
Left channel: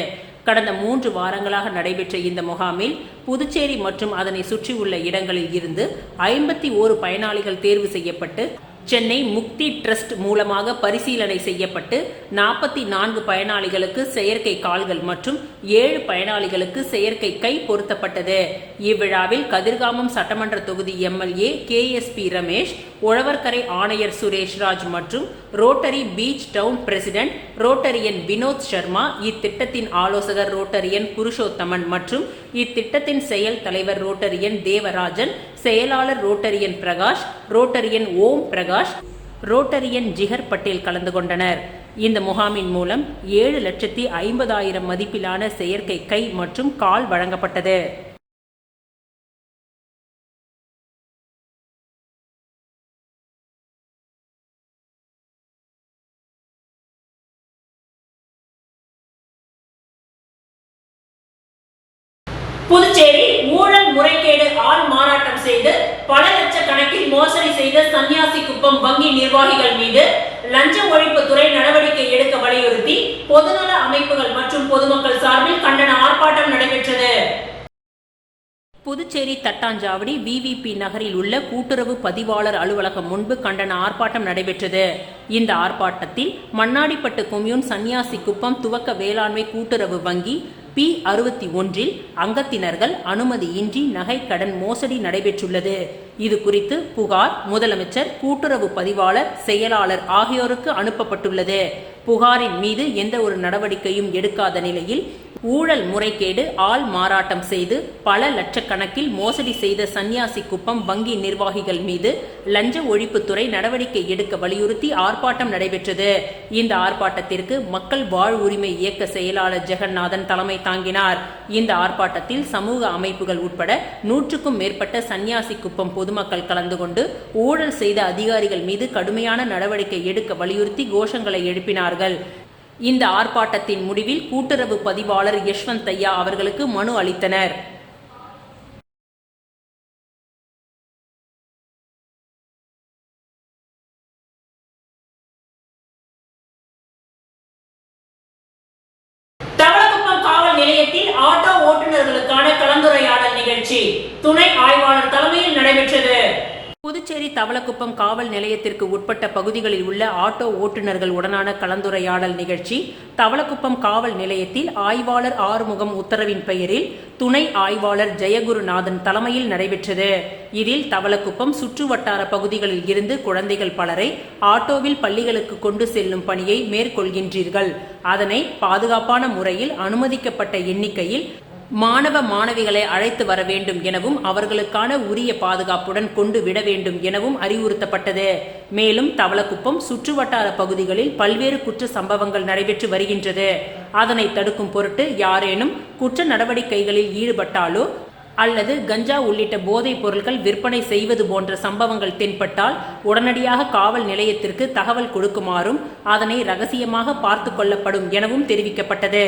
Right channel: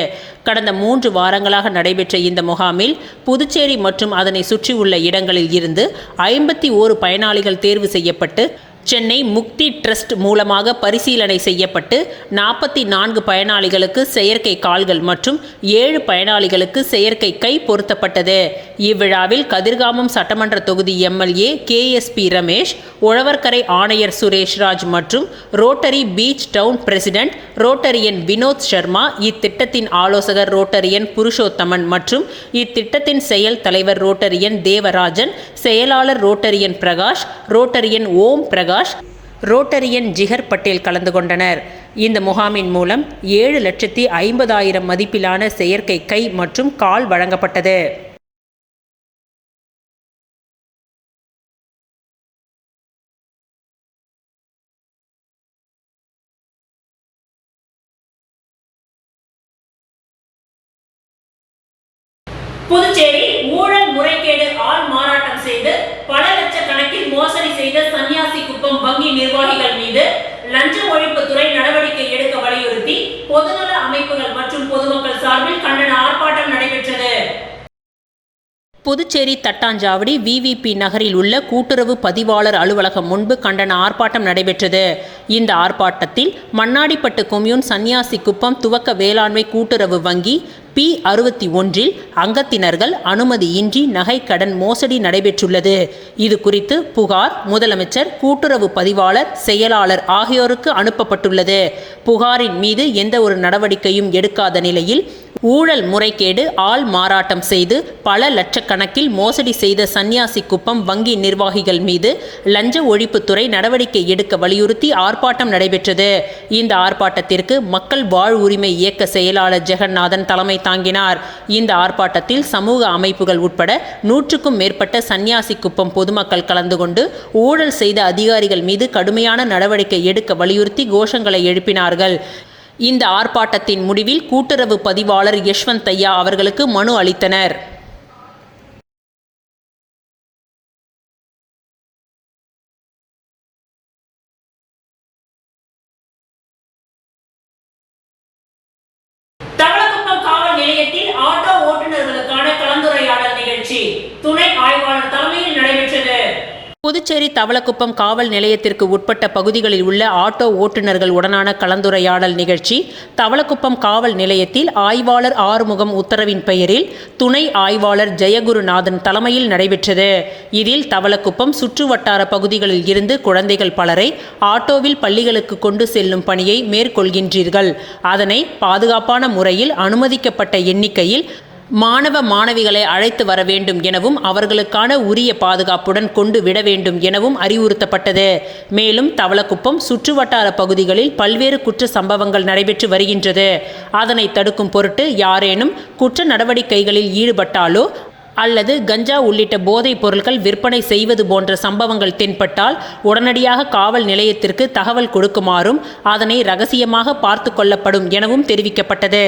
கடந்த 3 வாரங்களாக நடைபெற்ற இந்த முகாமில் புதுச்சேரி மற்றும் அதனை சுற்றியுள்ள இடங்களில் இருந்து 51 பயனாளிகள் தேர்வு செய்யப்பட்டு சென்னை முக்தி ட்ரஸ்ட் மூலமாக பரிசீலனை செய்யப்பட்டு 44 பயனாளிகளுக்கு செயற்கை கால்கள் மற்றும் 7 பயனாளிகளுக்கு செயற்கை கை பொருத்தப்பட்டது. இவ்விழாவில் கதிர்காமம் சட்டமன்ற தொகுதி எம்எல்ஏ KSP ரமேஷ், உழவர்கரை ஆணையர் சுரேஷ்ராஜ் மற்றும் Rotary beach town president Rotarian Vinod Sharma, இத்திட்டத்தின் ஆலோசகர் ரோட்டரியன் புருஷோத்தமன் மற்றும் இத்திட்டத்தின் செயல் தலைவர் ரோட்டரியன் தேவராஜன், செயலாளர் Rotarian Prakash, Rotarian Om Prakash, Rotarian ஜிகர் Patel கலந்து கொண்டனர். இந்த முகாமின் மூலம் 7,50,000 மதிப்பிலான செயற்கை கை மற்றும் கால் வழங்கப்பட்டது. புதுச்சேரி ஊழல் முறைகேடு ஆள் மாறாட்டம் செய்து பல லட்சக்கணக்கில் மோசடி செய்த சன்னியாசி குப்பம் வங்கி நிர்வாகிகள் மீது லஞ்ச ஒழிப்புத்துறை நடவடிக்கை எடுக்க வலியுறுத்தி பொதுநல அமைப்புகள் மற்றும் பொதுமக்கள் சார்பில் கண்டன ஆர்ப்பாட்டம் நடைபெற்றது. புதுச்சேரி தட்டாஞ்சாவடி விவிபி நகரில் உள்ள கூட்டுறவு பதிவாளர் அலுவலகம் முன்பு கண்டன ஆர்ப்பாட்டம் நடைபெற்றது. இந்த ஆர்ப்பாட்டத்தில் மண்ணாடிப்பட்டு கொம்யூன் சன்னியாசி குப்பம் துவக்க வேளாண்மை கூட்டுறவு வங்கி P61 அங்கத்தினர்கள் அனுமதியின்றி நகை கடன் மோசடி நடைபெற்றுள்ளது. இது குறித்து புகார் முதலமைச்சர், கூட்டுறவு பதிவாளர், செயலாளர் ஆகியோருக்கு அனுப்பப்பட்டுள்ளது. புகாரின் மீது எந்த ஒரு நடவடிக்கையும் எடுக்காத நிலையில் ஊழல் முறைகேடு ஆள் மாறாட்டம் செய்து பல லட்சக்கணக்கில் மோசடி செய்த சன்னியாசி குப்பம் வங்கி நிர்வாகிகள் மீது லஞ்ச ஒழிப்புத்துறை நடவடிக்கை எடுக்க வலியுறுத்தி ஆர்ப்பாட்டம் நடைபெற்றது. இந்த ஆர்ப்பாட்டத்திற்கு மக்கள் வாழ்வுரிமை இயக்க செயலாளர் ஜெகநாதன் தலைமை தாங்கினார். இந்த ஆர்ப்பாட்டத்தில் சமூக அமைப்புகள் உட்பட 100க்கும் மேற்பட்ட சன்னியாசி குப்பம் பொதுமக்கள் கலந்து கொண்டு ஊழல் செய்த அதிகாரிகள் மீது கடுமையான நடவடிக்கை எடுக்க வலியுறுத்தி கோஷங்களை எழுப்பினார்கள். இந்த ஆர்ப்பாட்டத்தின் முடிவில் கூட்டுறவு பதிவாளர் யஷ்வந்த் ஐயா அவர்களுக்கு மனு அளித்தனர். தவளக்குப்பம் காவல் நிலையத்தில் ஆட்டோ ஓட்டுநர்களுக்கான கலந்துரையாடல் நிகழ்ச்சி துணை ஆய்வாளர் தலைமையில் நடைபெற்றது. புதுச்சேரி தவளக்குப்பம் காவல் நிலையத்திற்கு உட்பட்ட பகுதிகளில் உள்ள ஆட்டோ ஓட்டுநர்கள் உடனான கலந்துரையாடல் நிகழ்ச்சி தவளக்குப்பம் காவல் நிலையத்தில் ஆய்வாளர் ஆறுமுகம் உத்தரவின் பெயரில் துணை ஆய்வாளர் ஜெயகுருநாதன் தலைமையில் நடைபெற்றது. இதில் தவளக்குப்பம் சுற்றுவட்டார பகுதிகளில் இருந்து குழந்தைகள் பலரை ஆட்டோவில் பள்ளிகளுக்கு கொண்டு செல்லும் பணியை மேற்கொள்கின்றீர்கள். அதனை பாதுகாப்பான முறையில் அனுமதிக்கப்பட்ட எண்ணிக்கையில் மாணவ மாணவிகளை அழைத்து வர வேண்டும் எனவும் அவர்களுக்கான உரிய பாதுகாப்புடன் கொண்டு விட வேண்டும் எனவும் அறிவுறுத்தப்பட்டது. மேலும் தவளக்குப்பம் சுற்றுவட்டார பகுதிகளில் பல்வேறு குற்ற சம்பவங்கள் நடைபெற்று வருகின்றது. அதனை தடுக்கும் பொருட்டு யாரேனும் குற்ற நடவடிக்கைகளில் ஈடுபட்டாலோ அல்லது கஞ்சா உள்ளிட்ட போதைப் பொருட்கள் விற்பனை செய்வது போன்ற சம்பவங்கள் தென்பட்டால் உடனடியாக காவல் நிலையத்திற்கு தகவல் கொடுக்குமாறும் அதனை ரகசியமாக பார்த்து கொள்ளப்படும் எனவும் தெரிவிக்கப்பட்டது.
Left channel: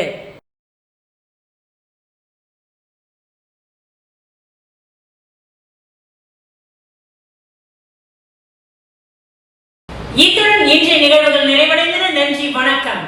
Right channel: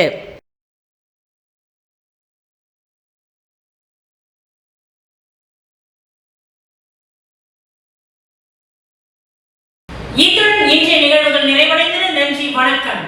இத்துடன் இன்றைய நிகழ்வுகள் நிறைவடைந்தன. நன்றி, வணக்கம்.